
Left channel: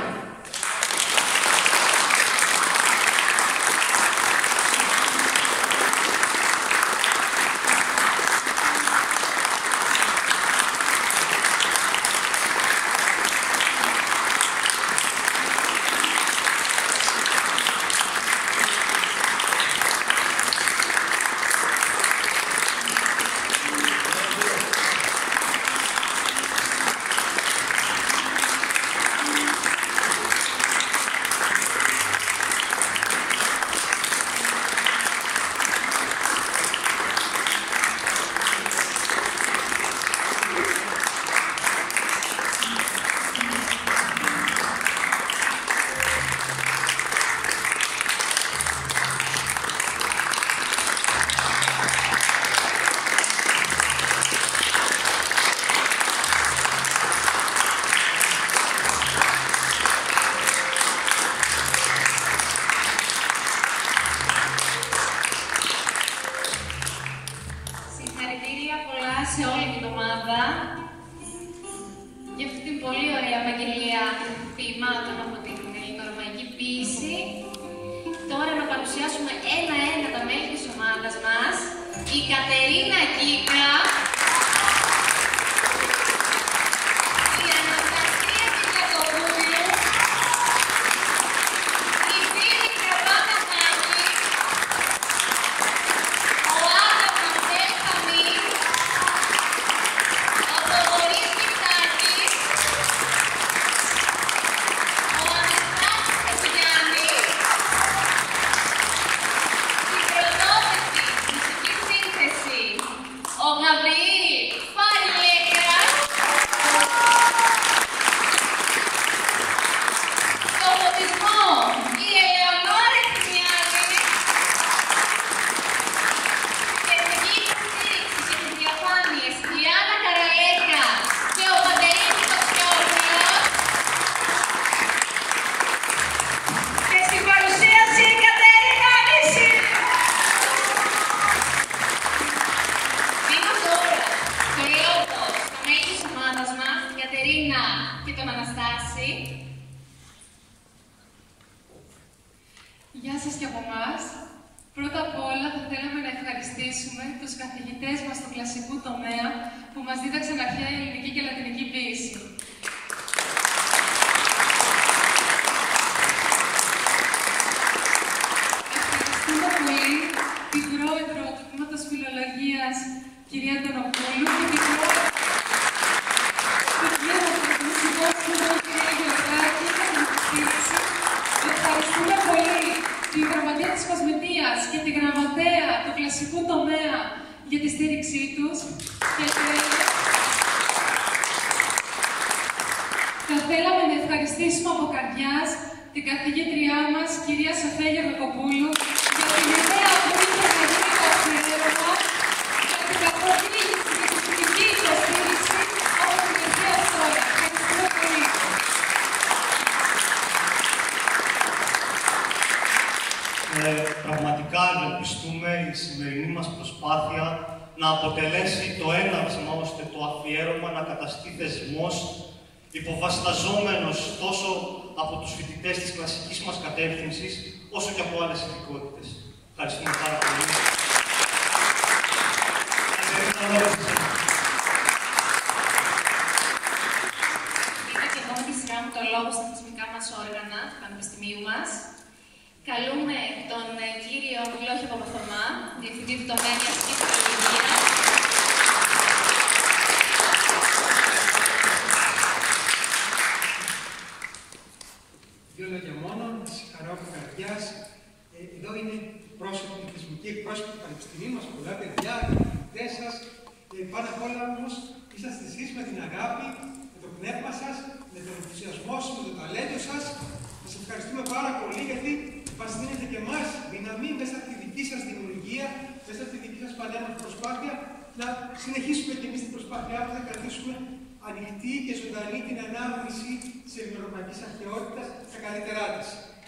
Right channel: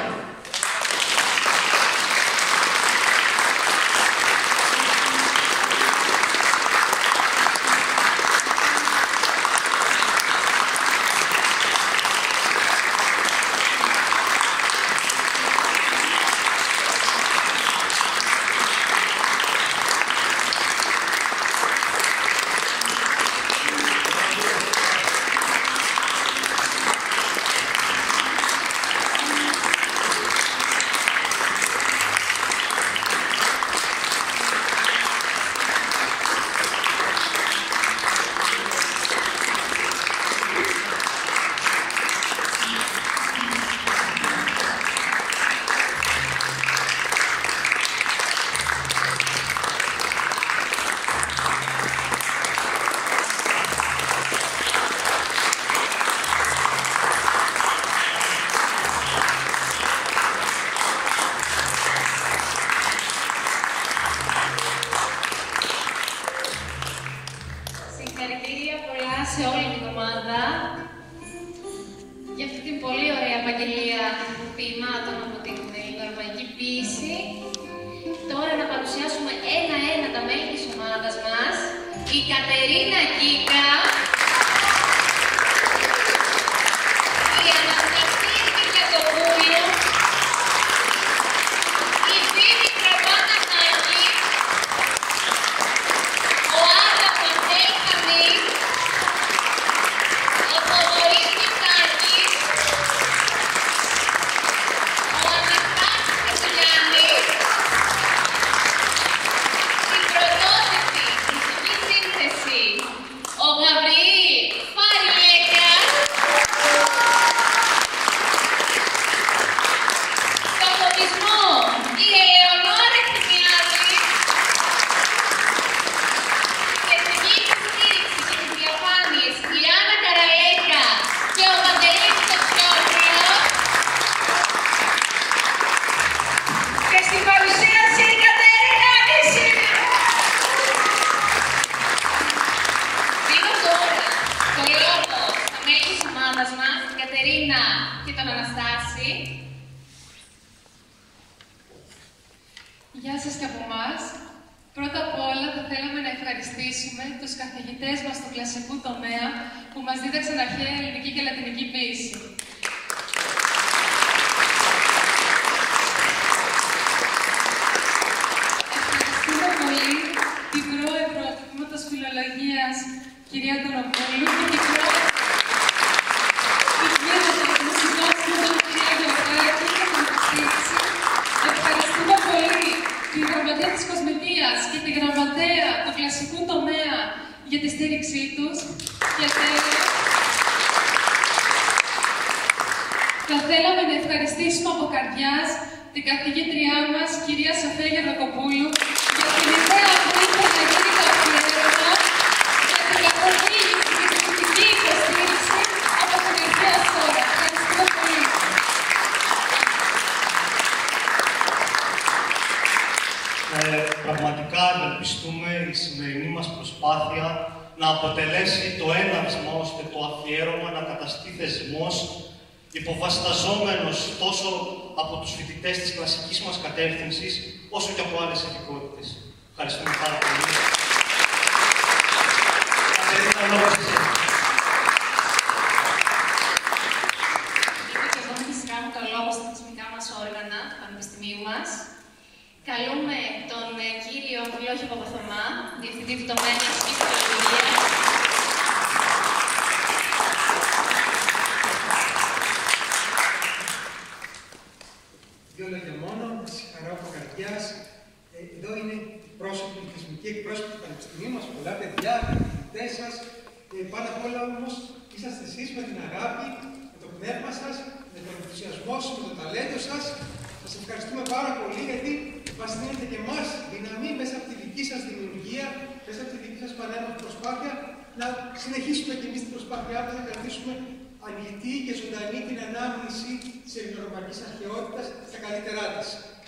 Συγχαρητήρια πολλά σε όλη την ομάδα για αυτή την πολύ ωραία επαγγελία ποιημάτων από την ελληνορωμαϊκή ποίηση. Τώρα να παρουσιάσουμε ένα-ένα τα μέλη της ομάδας μας. Η Κατερίνα Κίκα, η Αναστασία Κυριακοπούλου, η Φίνη Κραβάτα Μάκη, ο Άδαμος Ελχανής, ο Θοδωρής Μιχάκης, ο Αναστάσης Βασιλιάνης, η πρωτότυπη μουσική σύνθεση μάνας μας, την Κατερίνα και τον Αναστάση. Γεια σας και από εμάς. Πρώτα απ' όλα θα θέλαμε να ευχαριστήσουμε τους καθηγητές μας του κλασικού τομέα που μας δίδαξαν αρχαία ελληνική και λατινική ποίηση. Ευχαριστούμε πολύ την πρόεδρο του Τμήματος Φιλολογίας, κυρία Τονοπούλου, και την πρόεδρο του Τμήματος Μουσικών Σπουδών, κυρία Γεωργάκη, για την υποστήριξη. Ευχαριστούμε πολύ τη Γραμματεία της Κοσμητείας και τη Γραμματέα του κλασικού τομέα για τη στήριξή τους. Και θα θέλαμε να ευχαριστήσουμε από καρδιάς την καθηγήτριά μας, κυρία Σοφία Γερακοπούλου, για την ιδέα αυτή που θα γίνει το αφιέρωμα, για την καθοδήγηση και την κριτική υποστήριξη από την Εθνία Σόλα. Ευχαριστούμε πολύ. Πραγματικά ευελπιστούμε η σημερινή μας προσπάθεια να αποτελέσει το έναυσμα ώστε το αφιέρωμα να καταστεί θεσμός υποβασταζόμενος τόσο από τους φοιτητές της κλασικής μας κατεύθυνσης, όσο και από άλλες ειδικότητες. Ευχαριστούμε πάρα πολύ. Είμαι και εγώ με τη σειρά μου το λόγο στα θεσμικά μας όργανα του Πανεπιστημίου μας. Καλούμε τον κύριο Φιλόχη Παπαθωμά, Διευθυντή του Τομέα Ιατρικής Φιλολογίας. Δύο λόγια μόνο, να συγχαρώ από καρδιάς. Εδώ είναι οι θεσμικοί εκπρόσωποι του Πανεπιστημίου μας, πολλά παιδιά, οι φοιτητές σας. Πάνω απ' όλα όμως είσαστε εσείς με την αγάπη, με το πνεύμα σας, με τον ενθουσιασμό σας, με το ταλέντο σας. Σας ευχαριστούμε πάρα πολύ γιατί μας δίνετε και εμάς δύναμη μέσα από τη δική σας δημιουργία, μέσα από τη δική σας πανέμορφη προσπάθεια να συνεχίσουμε και εμείς την προσπάθειά μας να κρατήσουμε ανοιχτή και ζωντανή την ανάμνηση της ελληνορωμαϊκής αρχαιότητας στα καλύτερά της.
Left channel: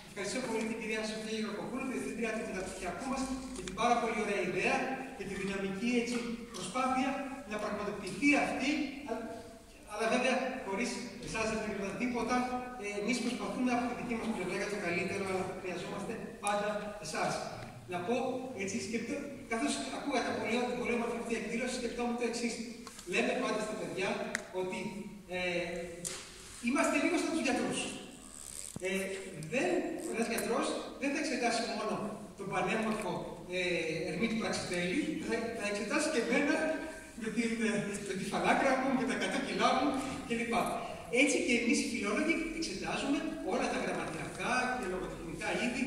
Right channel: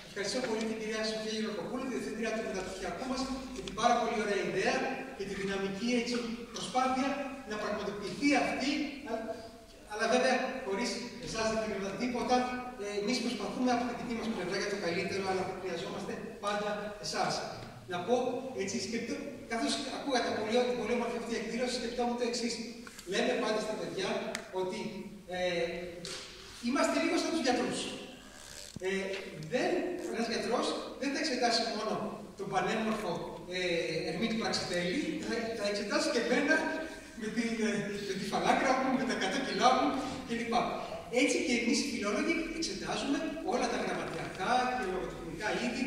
Ευχαριστώ πολύ την κυρία Σοφία Γερακοπούλου, τη διευθύντρια του μεταπτυχιακού μας, για την πάρα πολύ ωραία ιδέα και τη δυναμική έτσι, προσπάθεια να πραγματοποιηθεί αυτή. Αλλά βέβαια, χωρίς εσάς δεν θα γινόταν τίποτα. Εμείς προσπαθούμε από τη δική μας πλευρά για το καλύτερο, αλλά χρειαζόμαστε πάντα εσάς. Να πω έτσι, καθώς ακούγα την πολύ όμορφη αυτή εκδήλωση, σκεφτόμουν το εξής. Λέμε πάντα στα παιδιά ότι είμαστε λίγο σαν τους γιατρούς. Ένας γιατρός δεν θα εξετάσει μόνο τον πανέμορφο Ερμή του Πραξιτέλη, θα εξετάσει και εμένα με τη φαλάκρα μου, με τα 100 κιλά μου κλπ. Έτσι και εμείς οι φιλόλογοι εξετάζουμε όλα τα γραμματιακά και λογοτεχνικά είδη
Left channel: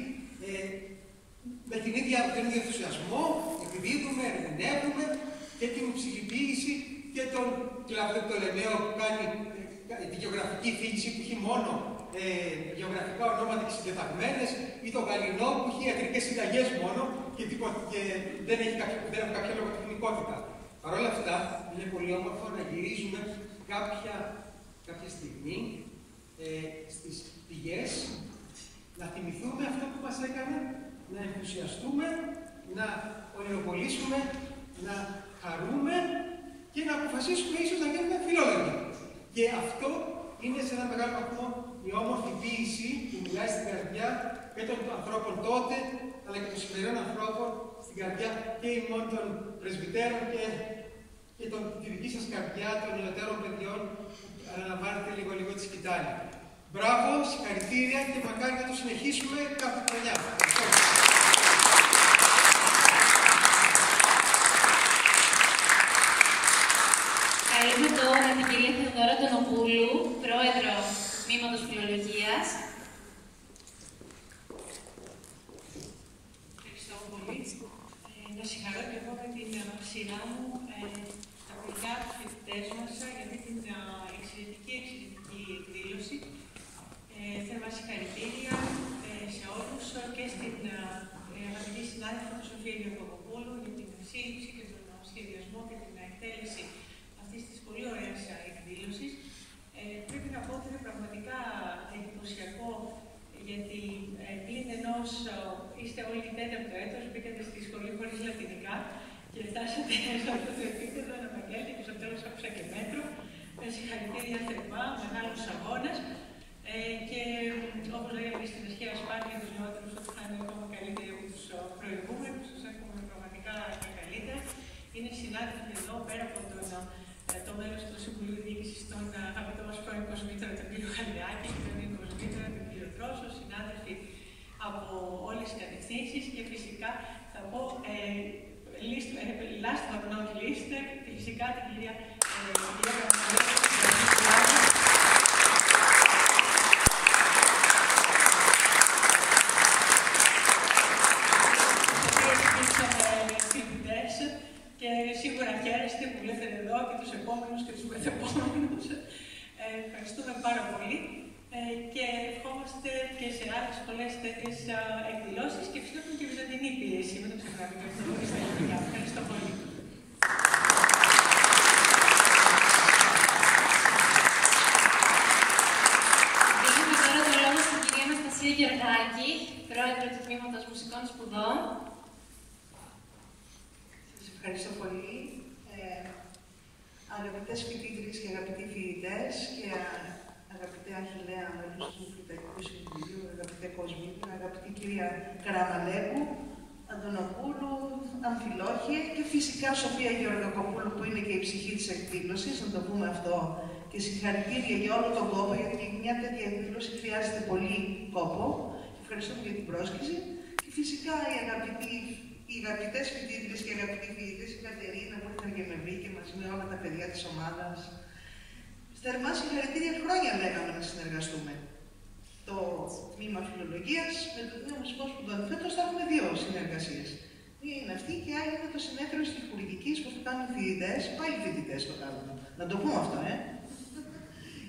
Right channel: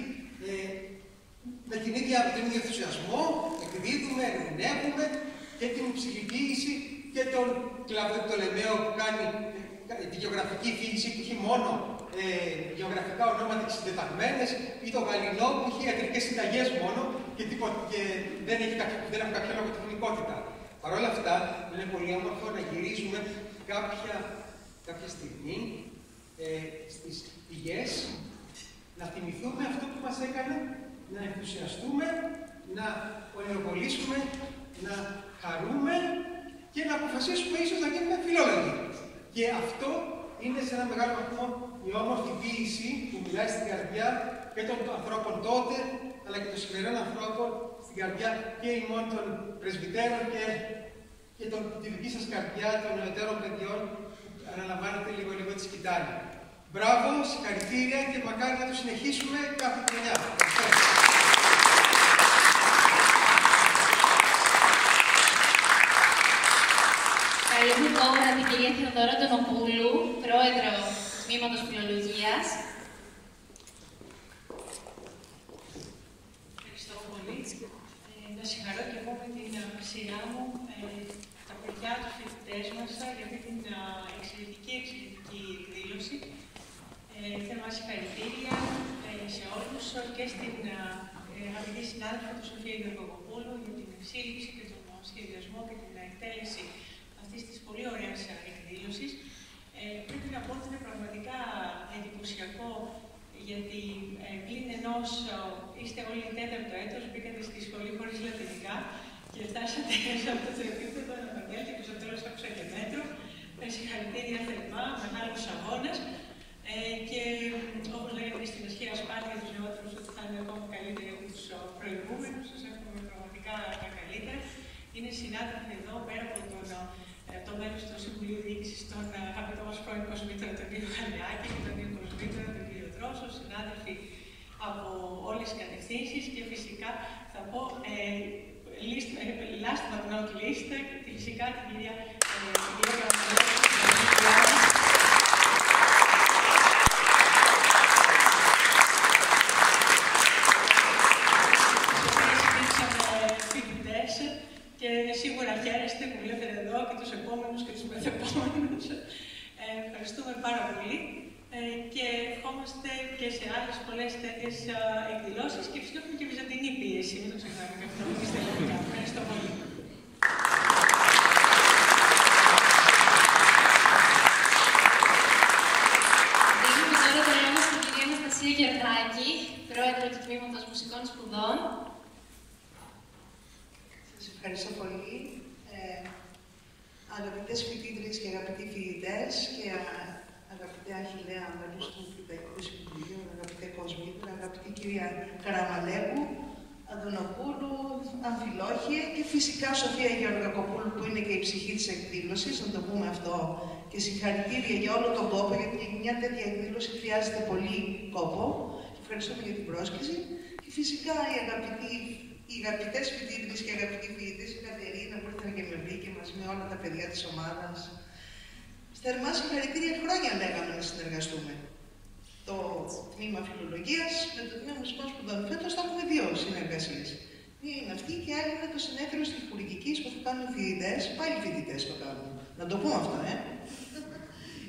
με τον ίδιο ενθουσιασμό, εκδίδουμε, ερμηνεύουμε και την ψυχοποίηση και τον Πτολεμαίο που κάνει τη γεωγραφική φύση που έχει μόνο γεωγραφικά ονόματα και συντεταγμένες, ή τον Γαλινό που έχει ιατρικές συνταγές μόνο και δεν έχουν κάποια λογοτεχνικότητα. Παρ' όλα αυτά, είναι πολύ όμορφο να γυρίζουμε κάποια στιγμή στις πηγές, να θυμηθούμε αυτό που μας έκανε να ενθουσιαστούμε, να ονειροπολίσουμε, να χαρούμε και να αποφασίσουμε ίσως να γίνουμε φιλόλογοι. Και αυτό είναι σε ένα μεγάλο βαθμό η όμορφη ποίηση που μιλάει στην καρδιά και των ανθρώπων τότε, αλλά και των σημερινών ανθρώπων, στην καρδιά και ημών των πρεσβυτέρων και τη δική σας καρδιά των νεωτέρων παιδιών που αναλαμβάνετε λίγο τη σκητάλη. Μπράβο, συγχαρητήρια και μακάρι να το συνεχίσουμε κάθε χρονιά. Καλούμε τώρα την κυρία Θεοδώρα Τονοπούλου, πρόεδρο του Τμήματος Φιλολογίας. Ευχαριστώ πολύ. Να συγχαρώ και εγώ με την σειρά μου τα παιδιά, τους φοιτητές μας για αυτή την εξαιρετική εκδήλωση. Θέλω να συγχαρητήρια σε όλους και στην αγαπητή συνάδελφο του Σοφία Γερακοπούλου για την σύλληψη και τον σχεδιασμό και την εκτέλεση αυτής της πολύ ωραίας εκδήλωσης. Πρέπει να πω ότι είναι πραγματικά εντυπωσιακό γιατί πλην ενός είστε όλοι τέταρτο έτος, μπήκατε στη σχολή χωρίς λατινικά και φτάσατε σε αυτό το επίπεδο να μαθαίνετε και στο τέλος άκουσα και μέτρο. φυσικά την κυρία φοιτητές και σίγουρα χαίρεστε που βλέπετε εδώ και τους επόμενους και τους μεθεπόμενους. Ευχαριστούμε πάρα πολύ και ευχόμαστε και σε άλλες πολλές τέτοιες εκδηλώσεις και φυσικά έχουμε και βυζαντινή πίεση. Μην το ξεχνάμε αυτό. Ευχαριστώ πολύ. Δίνουμε τώρα το λόγο στην κυρία Αναστασία Γεωργάκη, πρόεδρο του Τμήματος Μουσικών Σπουδών. Σας ευχαριστώ πολύ. Αγαπητές φοιτήτριες και αγαπητοί φοιτητές και αγαπητέ Αχιλλέα μέλος του Φοιτητικού Συμβουλίου, αγαπητέ Κοσμήτρα, αγαπητή κυρία Καραμαλέκου, Αντωνοπούλου, Αμφιλόχιε και φυσικά Σοφία Γεωργακοπούλου που είναι και η ψυχή της εκδήλωσης, να το πούμε αυτό, και συγχαρητήρια για όλο τον κόπο, γιατί μια τέτοια εκδήλωση χρειάζεται πολύ κόπο. Και ευχαριστούμε για την πρόσκληση. Και φυσικά οι αγαπητές φοιτήτριες και αγαπητοί φοιτητές, η Κατερίνα που ήρθαν και με βρήκε μαζί με όλα τα παιδιά της ομάδας. Θερμά συγχαρητήρια, χρόνια λέγαμε να συνεργαστούμε. Το τμήμα φιλολογίας με το τμήμα μουσικών σπουδών. Φέτος θα έχουμε 2 συνεργασίες. Μία είναι αυτή και άλλη είναι το συνέδριο στιχουργικής που θα κάνουν οι φοιτητές. Πάλι οι φοιτητές το κάνουν. Να το πούμε αυτό,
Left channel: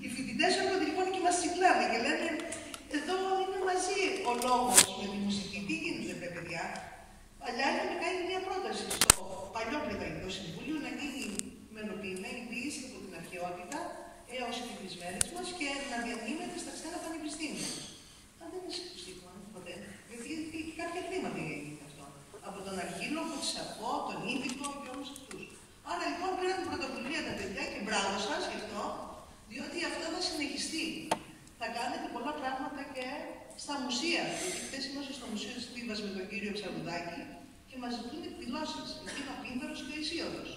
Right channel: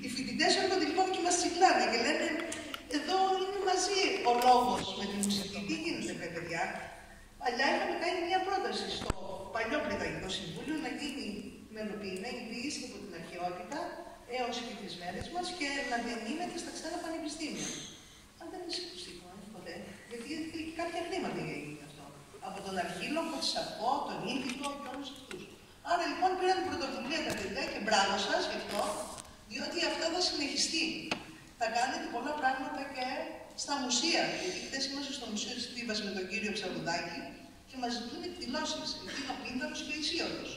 Οι φοιτητές έρχονται λοιπόν και μας τσικλάνε και λένε: εδώ είναι μαζί ο λόγος με τη μουσική. Τι γίνεται, παιδιά? Παλιά είχαμε κάνει μια πρόταση στο παλιό Πληθαγικό Συμβούλιο να γίνει μελοποιημένη ποιήση από την αρχαιότητα έως και τις μέρες μας και να διανύμεται στα ξένα πανεπιστήμια. Αν δεν είναι συγκουστικό, ποτέ. Γιατί κάποια χρήματα έγινε αυτό. Από τον Αρχίλογο, τη Σαρκό, τον Ήλικο και όλους αυτούς. Άρα λοιπόν πήραν πρωτοβουλία τα παιδιά και μπράβο σας γι' αυτό, διότι αυτό θα συνεχιστεί. Θα κάνετε πολλά πράγματα και στα μουσεία. Γιατί χθες είμαστε στο Μουσείο της Θήβας με τον κύριο Ψαρουδάκη και μας ζητούν εκδηλώσεις. Εκεί είναι ο Πίνδαρος και ο Ισίωτος.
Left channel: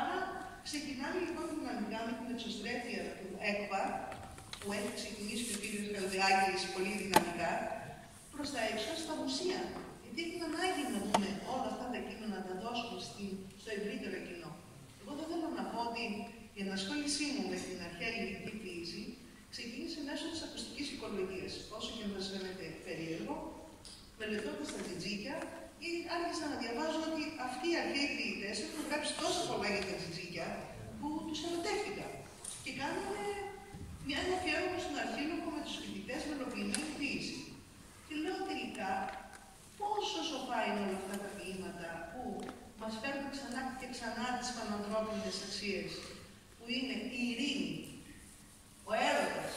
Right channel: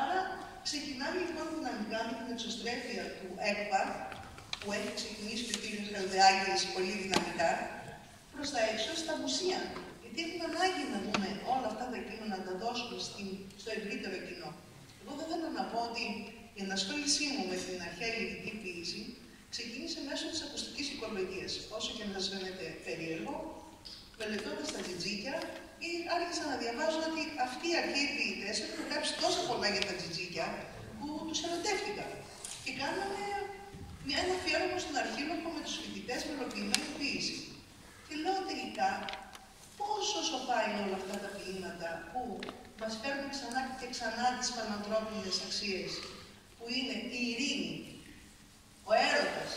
Άρα ξεκινάμε λοιπόν δυναμικά με την εξωστρέφεια του ΕΚΠΑ, που έχει ξεκινήσει ο κύριος Χαλδεάκης πολύ δυναμικά, προς τα έξω στα μουσεία. Γιατί έχουμε ανάγκη να δούμε όλα αυτά τα κείμενα να τα δώσουμε στο ευρύτερο κοινό. Εγώ θα ήθελα να πω ότι η ενασχόλησή μου με την αρχαία ελληνική ποίηση ξεκίνησε μέσω της ακουστικής οικολογίας. Όσο και να σας φαίνεται περίεργο, μελετώντας τα τζιτζίκια, άρχισα να διαβάζω ότι αυτοί οι αρχαίοι ποιητές έχουν γράψει τόσα πολλά για τα τζιτζίκια που τους ερωτεύτηκα. Και κάναμε ένα αφιέρωμα στον Αρχίλογο με τους φοιτητές μελοποιημένη ποίηση. Και λέω τελικά, πόσο σοφά είναι όλα αυτά τα ποίηματα που μας φέρνουν ξανά και ξανά τις πανανθρώπινες αξίες, που είναι η ειρήνη, ο έρωτας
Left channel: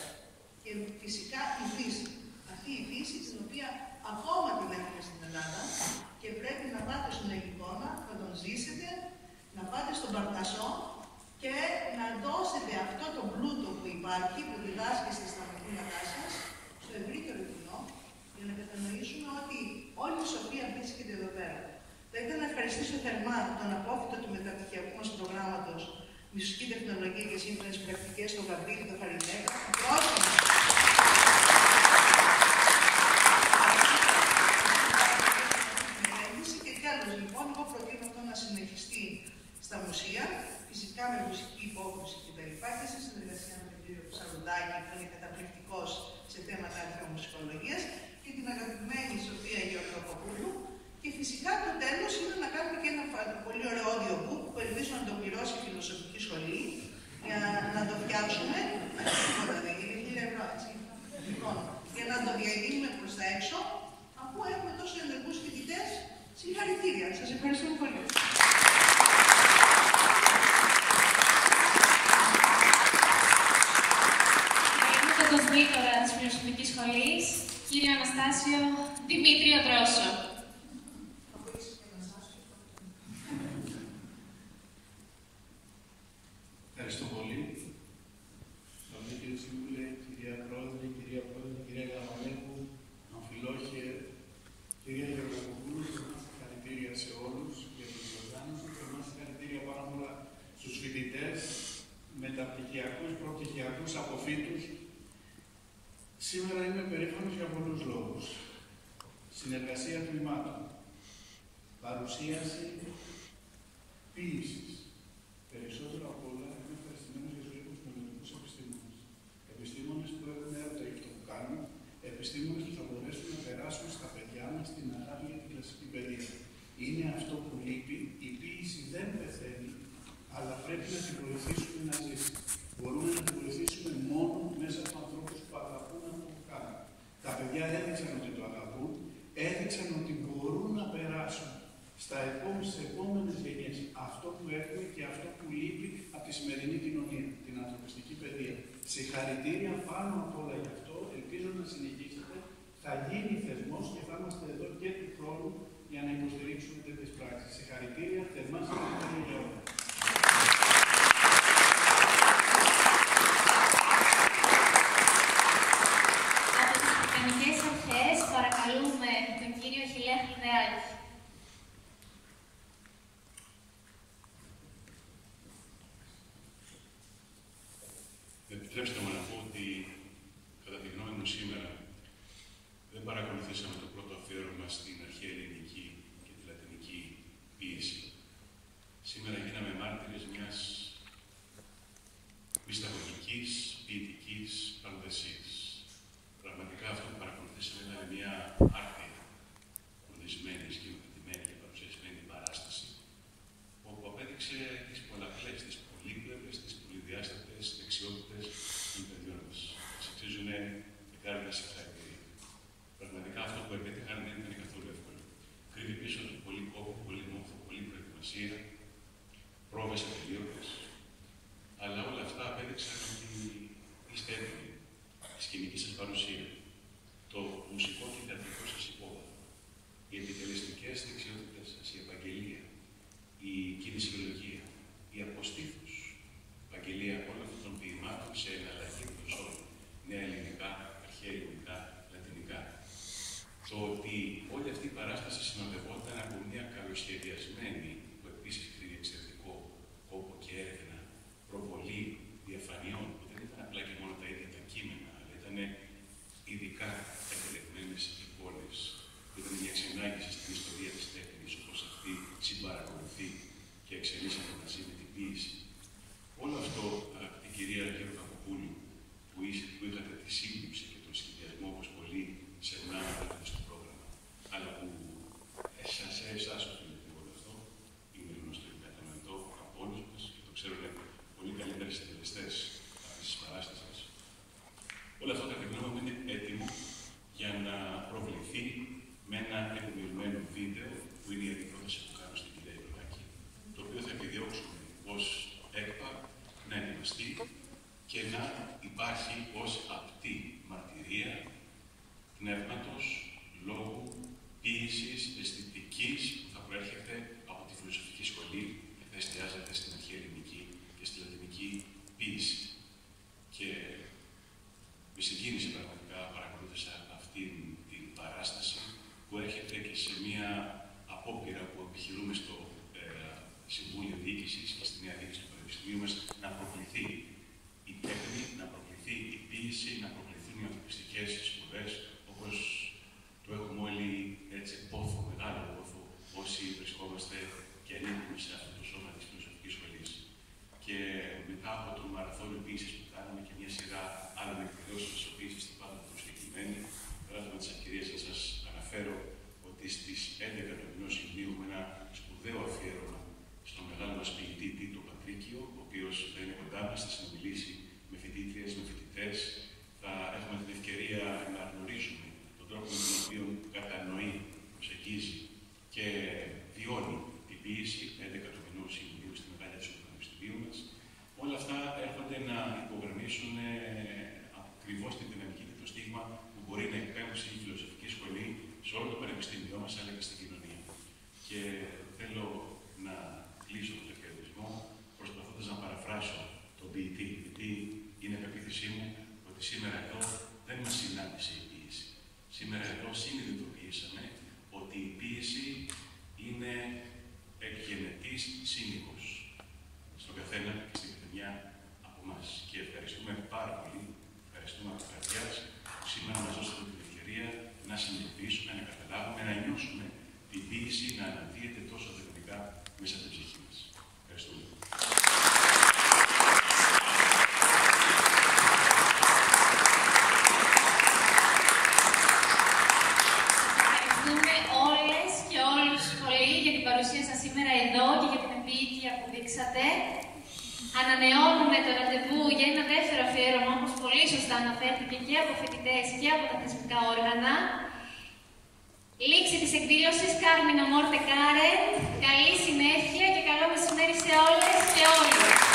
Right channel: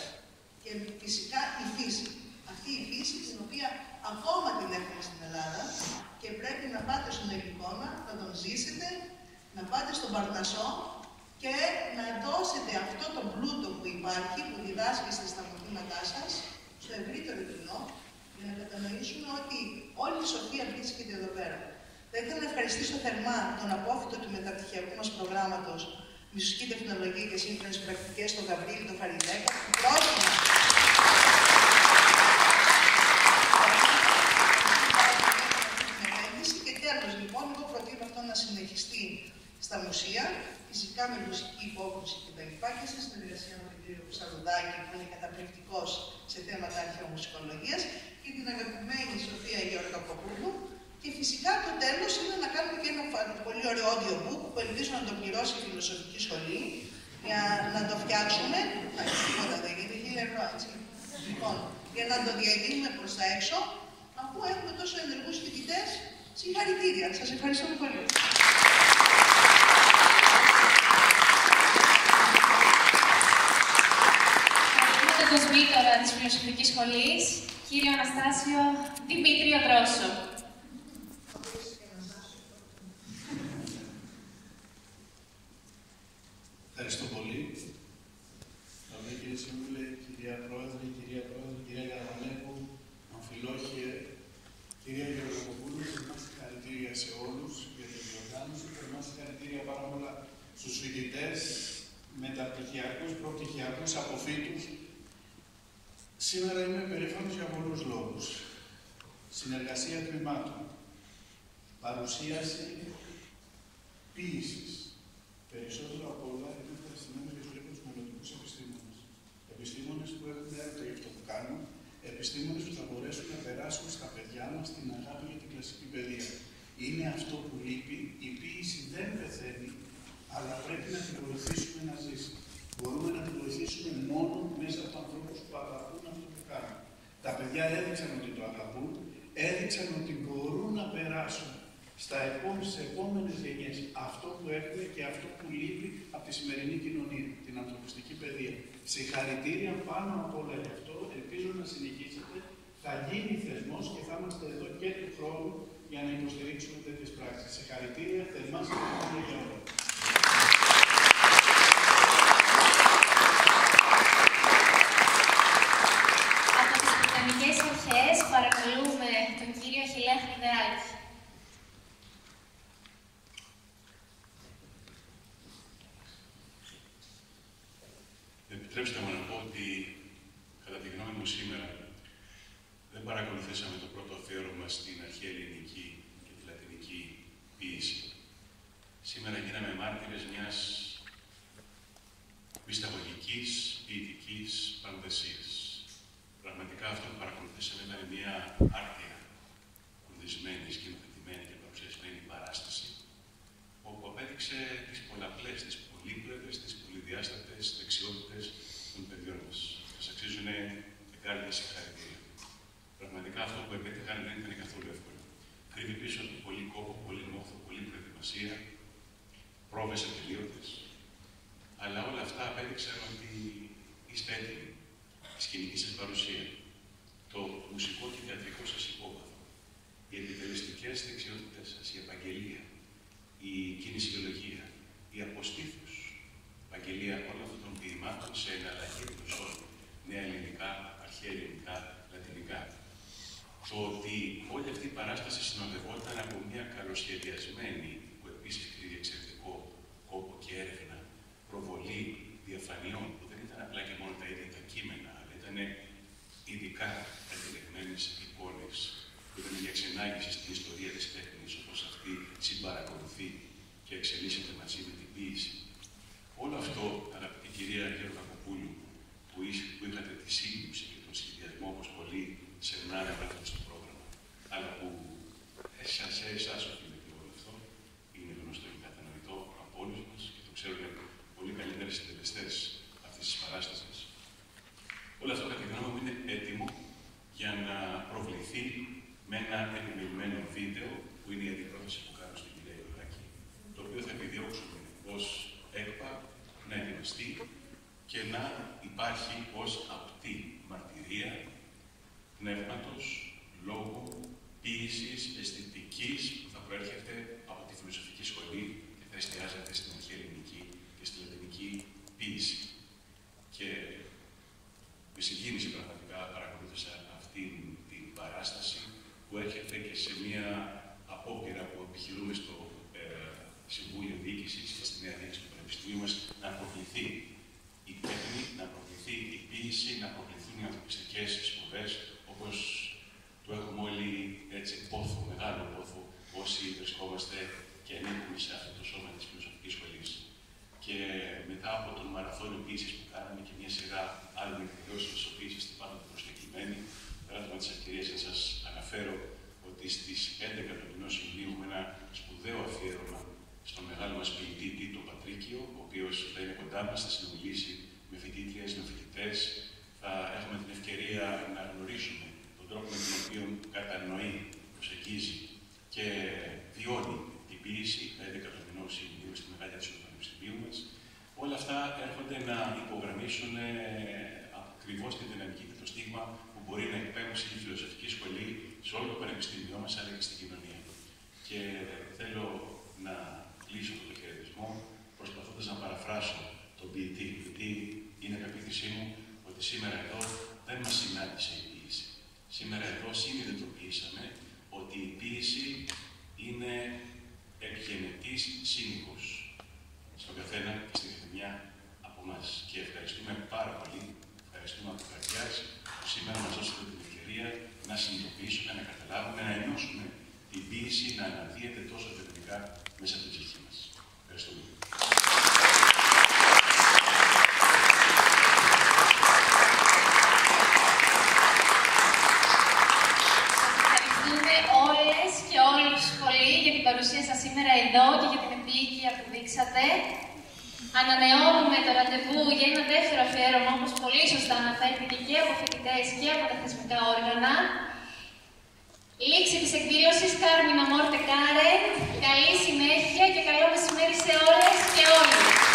και φυσικά η φύση. Αυτή η φύση την οποία ακόμα την έχουμε στην Ελλάδα και πρέπει να πάτε στον Ελικόνα, να τον ζήσετε, να πάτε στον Παρνασσό και να δώσετε αυτό το πλούτο που υπάρχει, που διδάσκεστε στα μαθήματά σας, στο ευρύτερο κοινό, για να κατανοήσουμε ότι όλη η σοφία βρίσκεται εδώ πέρα. Θα ήθελα να ευχαριστήσω θερμά τον απόφοιτο του μεταπτυχιακού μας προγράμματος Μουσική Τεχνολογία και Σύγχρονες Πρακτικές, τον Γαβρίλη τον Φαριδέκα, που πρόσφατα και τέλος, λοιπόν, εγώ προτείνω αυτό να συνεχιστεί στα μουσεία, φυσικά με μουσική υπόκριση κτλ. Και σε συνεργασία με τον κύριο Ψαρουδάκη, που είναι καταπληκτικός σε θέματα αρχαιομουσικολογίας, και την αγαπημένη Σοφία Γεωργακοπούλου. Και φυσικά το τέλος είναι να κάνουμε και ένα πολύ ωραίο audiobook που ελπίζω να το πληρώσει η Φιλοσοφική Σχολή για να το φτιάξουμε. Να είναι τίποτα, δεν είναι 1.000 ευρώ, έτσι. Λοιπόν, για να το διαδίνουμε προς τα έξω, αφού έχουμε τόσο ενεργούς φοιτητές. Συγχαρητήρια. Σας ευχαριστώ πολύ. Ευχαριστούμε τον κοσμήτορα της Φιλοσοφικής Σχολής, κύριο Αναστάσιο Δημήτριο Δρόσο. Ευχαριστώ πολύ. Καλή κύριε Σύμβουλε, κυρία Πρόεδρε, κυρία Καραμαλέκου, Αμφιλόχιε, κυρία Γεωργακοπούλου, θερμά συγχαρητήρια σε όλους για την διοργάνωση, θερμά συγχαρητήρια πάρα πολλά στους φοιτητές, μεταπτυχιακούς, προπτυχιακούς, αποφύτους. Σήμερα είμαι περήφανος για πολλούς λόγους. Συνεργασία τμήματων, παρουσίαση ποίησης, περισσότερο αυτό που λείπει, η ποίηση δεν πεθαίνει, αλλά πρέπει να την βοηθήσουμε να ζήσει. Μπορούμε να την βοηθήσουμε μόνο μέσα από ανθρώπους που αγαπούν αυτό που κάνουν. Τα παιδιά έδειξαν ότι το αγαπούν, έδειξαν ότι μπορούν να περάσουν στις επόμενες γενιές αυτό που έχουμε και αυτό που λείπει από τη σημερινή κοινωνία, την ανθρωπιστική παιδεία. Συγχαρητήρια πάνω απ' όλα γι' αυτό. Ελπίζω να συνεχίσετε. Θα γίνει θεσμός και θα είμαστε εδώ και του χρόνου για να υποστηρίξουμε τέτοιες πράξεις. Συγχαρητήρια, θερμά συγχαρητήρια για όλα. Από τις Βρετανικές Αρχές παρακαλούμε τον κύριο Αχιλλέα Χρυδεράκη. Επιτρέψτε μου να πω ότι, κατά τη γνώμη μου σήμερα, δεν παρακολουθήσαμε το πρώτο αφιέρωμα στην αρχαία ελληνική και τη λατινική ποίηση. Σήμερα γίναμε μάρτυρες μιας μυσταγωγικής, ποιητικής πανδεσίας. Πραγματικά αυτό που παρακολουθήσαμε ήταν μια άρτια, φροντισμένη, σκηνοθετημένη και παρουσιασμένη παράσταση, όπου απέδειξε τις πολλαπλές, τις πολύπλευρες, τις πολυδιάστατες δεξιότητες των παιδιών μας. Μας αξίζουν εγκάρδια συγχαρητήρια. Πραγματικά αυτό που επέτυχαν δεν ήταν καθόλου εύκολο. Κρύβει πίσω του πολύ κόπο, πολύ μόχθο, πολύ προετοιμασία, πρόβες ατελείωτες. Αλλά όλα αυτά απέδειξαν ότι είστε έτοιμοι. Η σκηνική σας παρουσία, το μουσικό και θεατρικό σας υπόβαθρο, οι επιτελεστικές δεξιότητες σας, η επαγγελία, η κινησιολογία, η αποστήθους, επαγγελία όλων αυτών των ποιημάτων σε εναλλαγή γλωσσών, νέα ελληνικά, αρχαία ελληνικά, λατινικά. Το ότι όλη αυτή η παράσταση συνοδευόταν από μια καλοσχεδιασμένη, που επίσης κρύβει εξαιρετικό κόπο και έρευνα, προβολή διαφανειών, που δεν ήταν απλά και μόνο τα ίδια τα κείμενα, αλλά ήταν ειδικά επιλεγμένες εικόνες, που ήταν μια εξενάγηση στην ιστορία της τέχνης, όπως αυτή συμπαρακολουθεί και εξελίσσεται μαζί με την ποίηση. Όλο αυτό, αγαπητή κυρία Γιώργο Κακοπούλου, που είχατε τη σύλληψη και τον σχεδιασμό, όπως πολλοί σερνά αναφέρατε στο πρόγραμμα, αλλά που σε εσάς οφείλεται όλο αυτό, είναι γνωστό και κατανοητό από όλους μας και το ξέρουν πολύ καλύτερα οι συντελεστές αυτής της παράστασης. Όλο αυτό, κατά τη γνώμη μου, είναι έτοιμο για να προβληθεί με ένα επιμελημένο βίντεο, που είναι η αντιπρόταση που κάνω στην κυρία Ιωλάκη, το οποίο θα επιδιώξουμε ως ΕΚΠΑ να ετοιμαστεί και να υπάρχει ως απτή μαρτυρία πνεύματος, λόγου, ποίησης, αισθητικής που θα προέρχεται από τη φιλοσοφική σχολή και θα εστιάζεται στην αρχαία ελληνική και στη λατινική ποίηση. Και με συγκίνηση πραγματικά παρακολούθησα αυτή την παράσταση που έρχεται και σε μια απόπειρα που επιχειρούμε στο Συμβούλιο Διοίκησης και στη Νέα Διοίκηση του Πανεπιστημίου μας να προκληθεί η τέχνη, να προκληθεί η ποίηση, να προκληθούν οι ανθρωπιστικές σπουδές, όπως το έχουμε όλοι έτσι πόθο, μεγάλο πόθο, όσοι βρισκόμαστε και ανήκουμε σε αυτό το σώμα της φιλοσοφικής σχολής. Και μετά από τον μαραθώνιο ποίησης που κάναμε και μια σειρά άλλων εκδηλώσεων της οποίας είστε πάντοτε προσκεκλημένοι, πράγμα της ευκαιρίας να σας αναφέρω ότι στις 11 του μηνός Ιουλίου έχουμε ένα σπουδαίο αφιέρωμα στον μεγάλο μας ποιητή Τίτο Πατρίκιο, ο οποίος θα είναι κοντά μας, θα συνομιλήσει με φοιτήτριες, με φοιτητές. Θα έχουμε την ευκαιρία να γνωρίσουμε τον τρόπο με τον οποίο κατανοεί, προσεγγίζει και βιώνει την ποίηση 11 του μηνός Ιουλίου στη Μεγάλη Ατσιού του Πανεπιστημίου μας. Όλα αυτά έρχονται να υπογραμμίσουν ακριβώς την δυναμική και το στίγμα που μπορεί να εκπέμψει η φιλοσοφική σχολή σε όλο το πανεπιστήμιό μας, αλλά και στην κοινωνία. Και θέλω να κλείσω το χαιρετισμό προσπαθώντας να παραφράσω τον ποιητή, γιατί είναι πεποίθησή μου ότι σήμερα εδώ δεν μας συνάντησε η ποίηση. Σήμερα εδώ συνειδητοποιήσαμε ότι η ποίηση είναι εκγενετής σύμμικος στον καθένα και στην καθεμιά από εμάς. Και ευχαριστούμε πάρα πολύ, ευχαριστούμε από καρδιάς που σήμερα μας δώσατε την ευκαιρία να συνειδητοποιήσουμε, να καταλάβουμε, να ενώσουμε την ποίηση να αναδύεται τόσο δυναμικά μέσα από την ψυχή μας. Ευχαριστούμε. Ευχαριστούμε όλες και όλους πολύ για την παρουσία. σήμερα εδώ και για την επίοικια που δείξατε. Ανανεώνουμε το ραντεβού για ένα δεύτερο αφιέρωμα, όπως πολύ σωστά αναφέρθηκε και από φοιτητές και από τα θεσμικά όργανα. Λήξη της εκδήλωσης, Κάρμινα Μόρτε Κάρεν. Καλή συνέχεια και καλό μεσημέρι σε όλες και όλοι.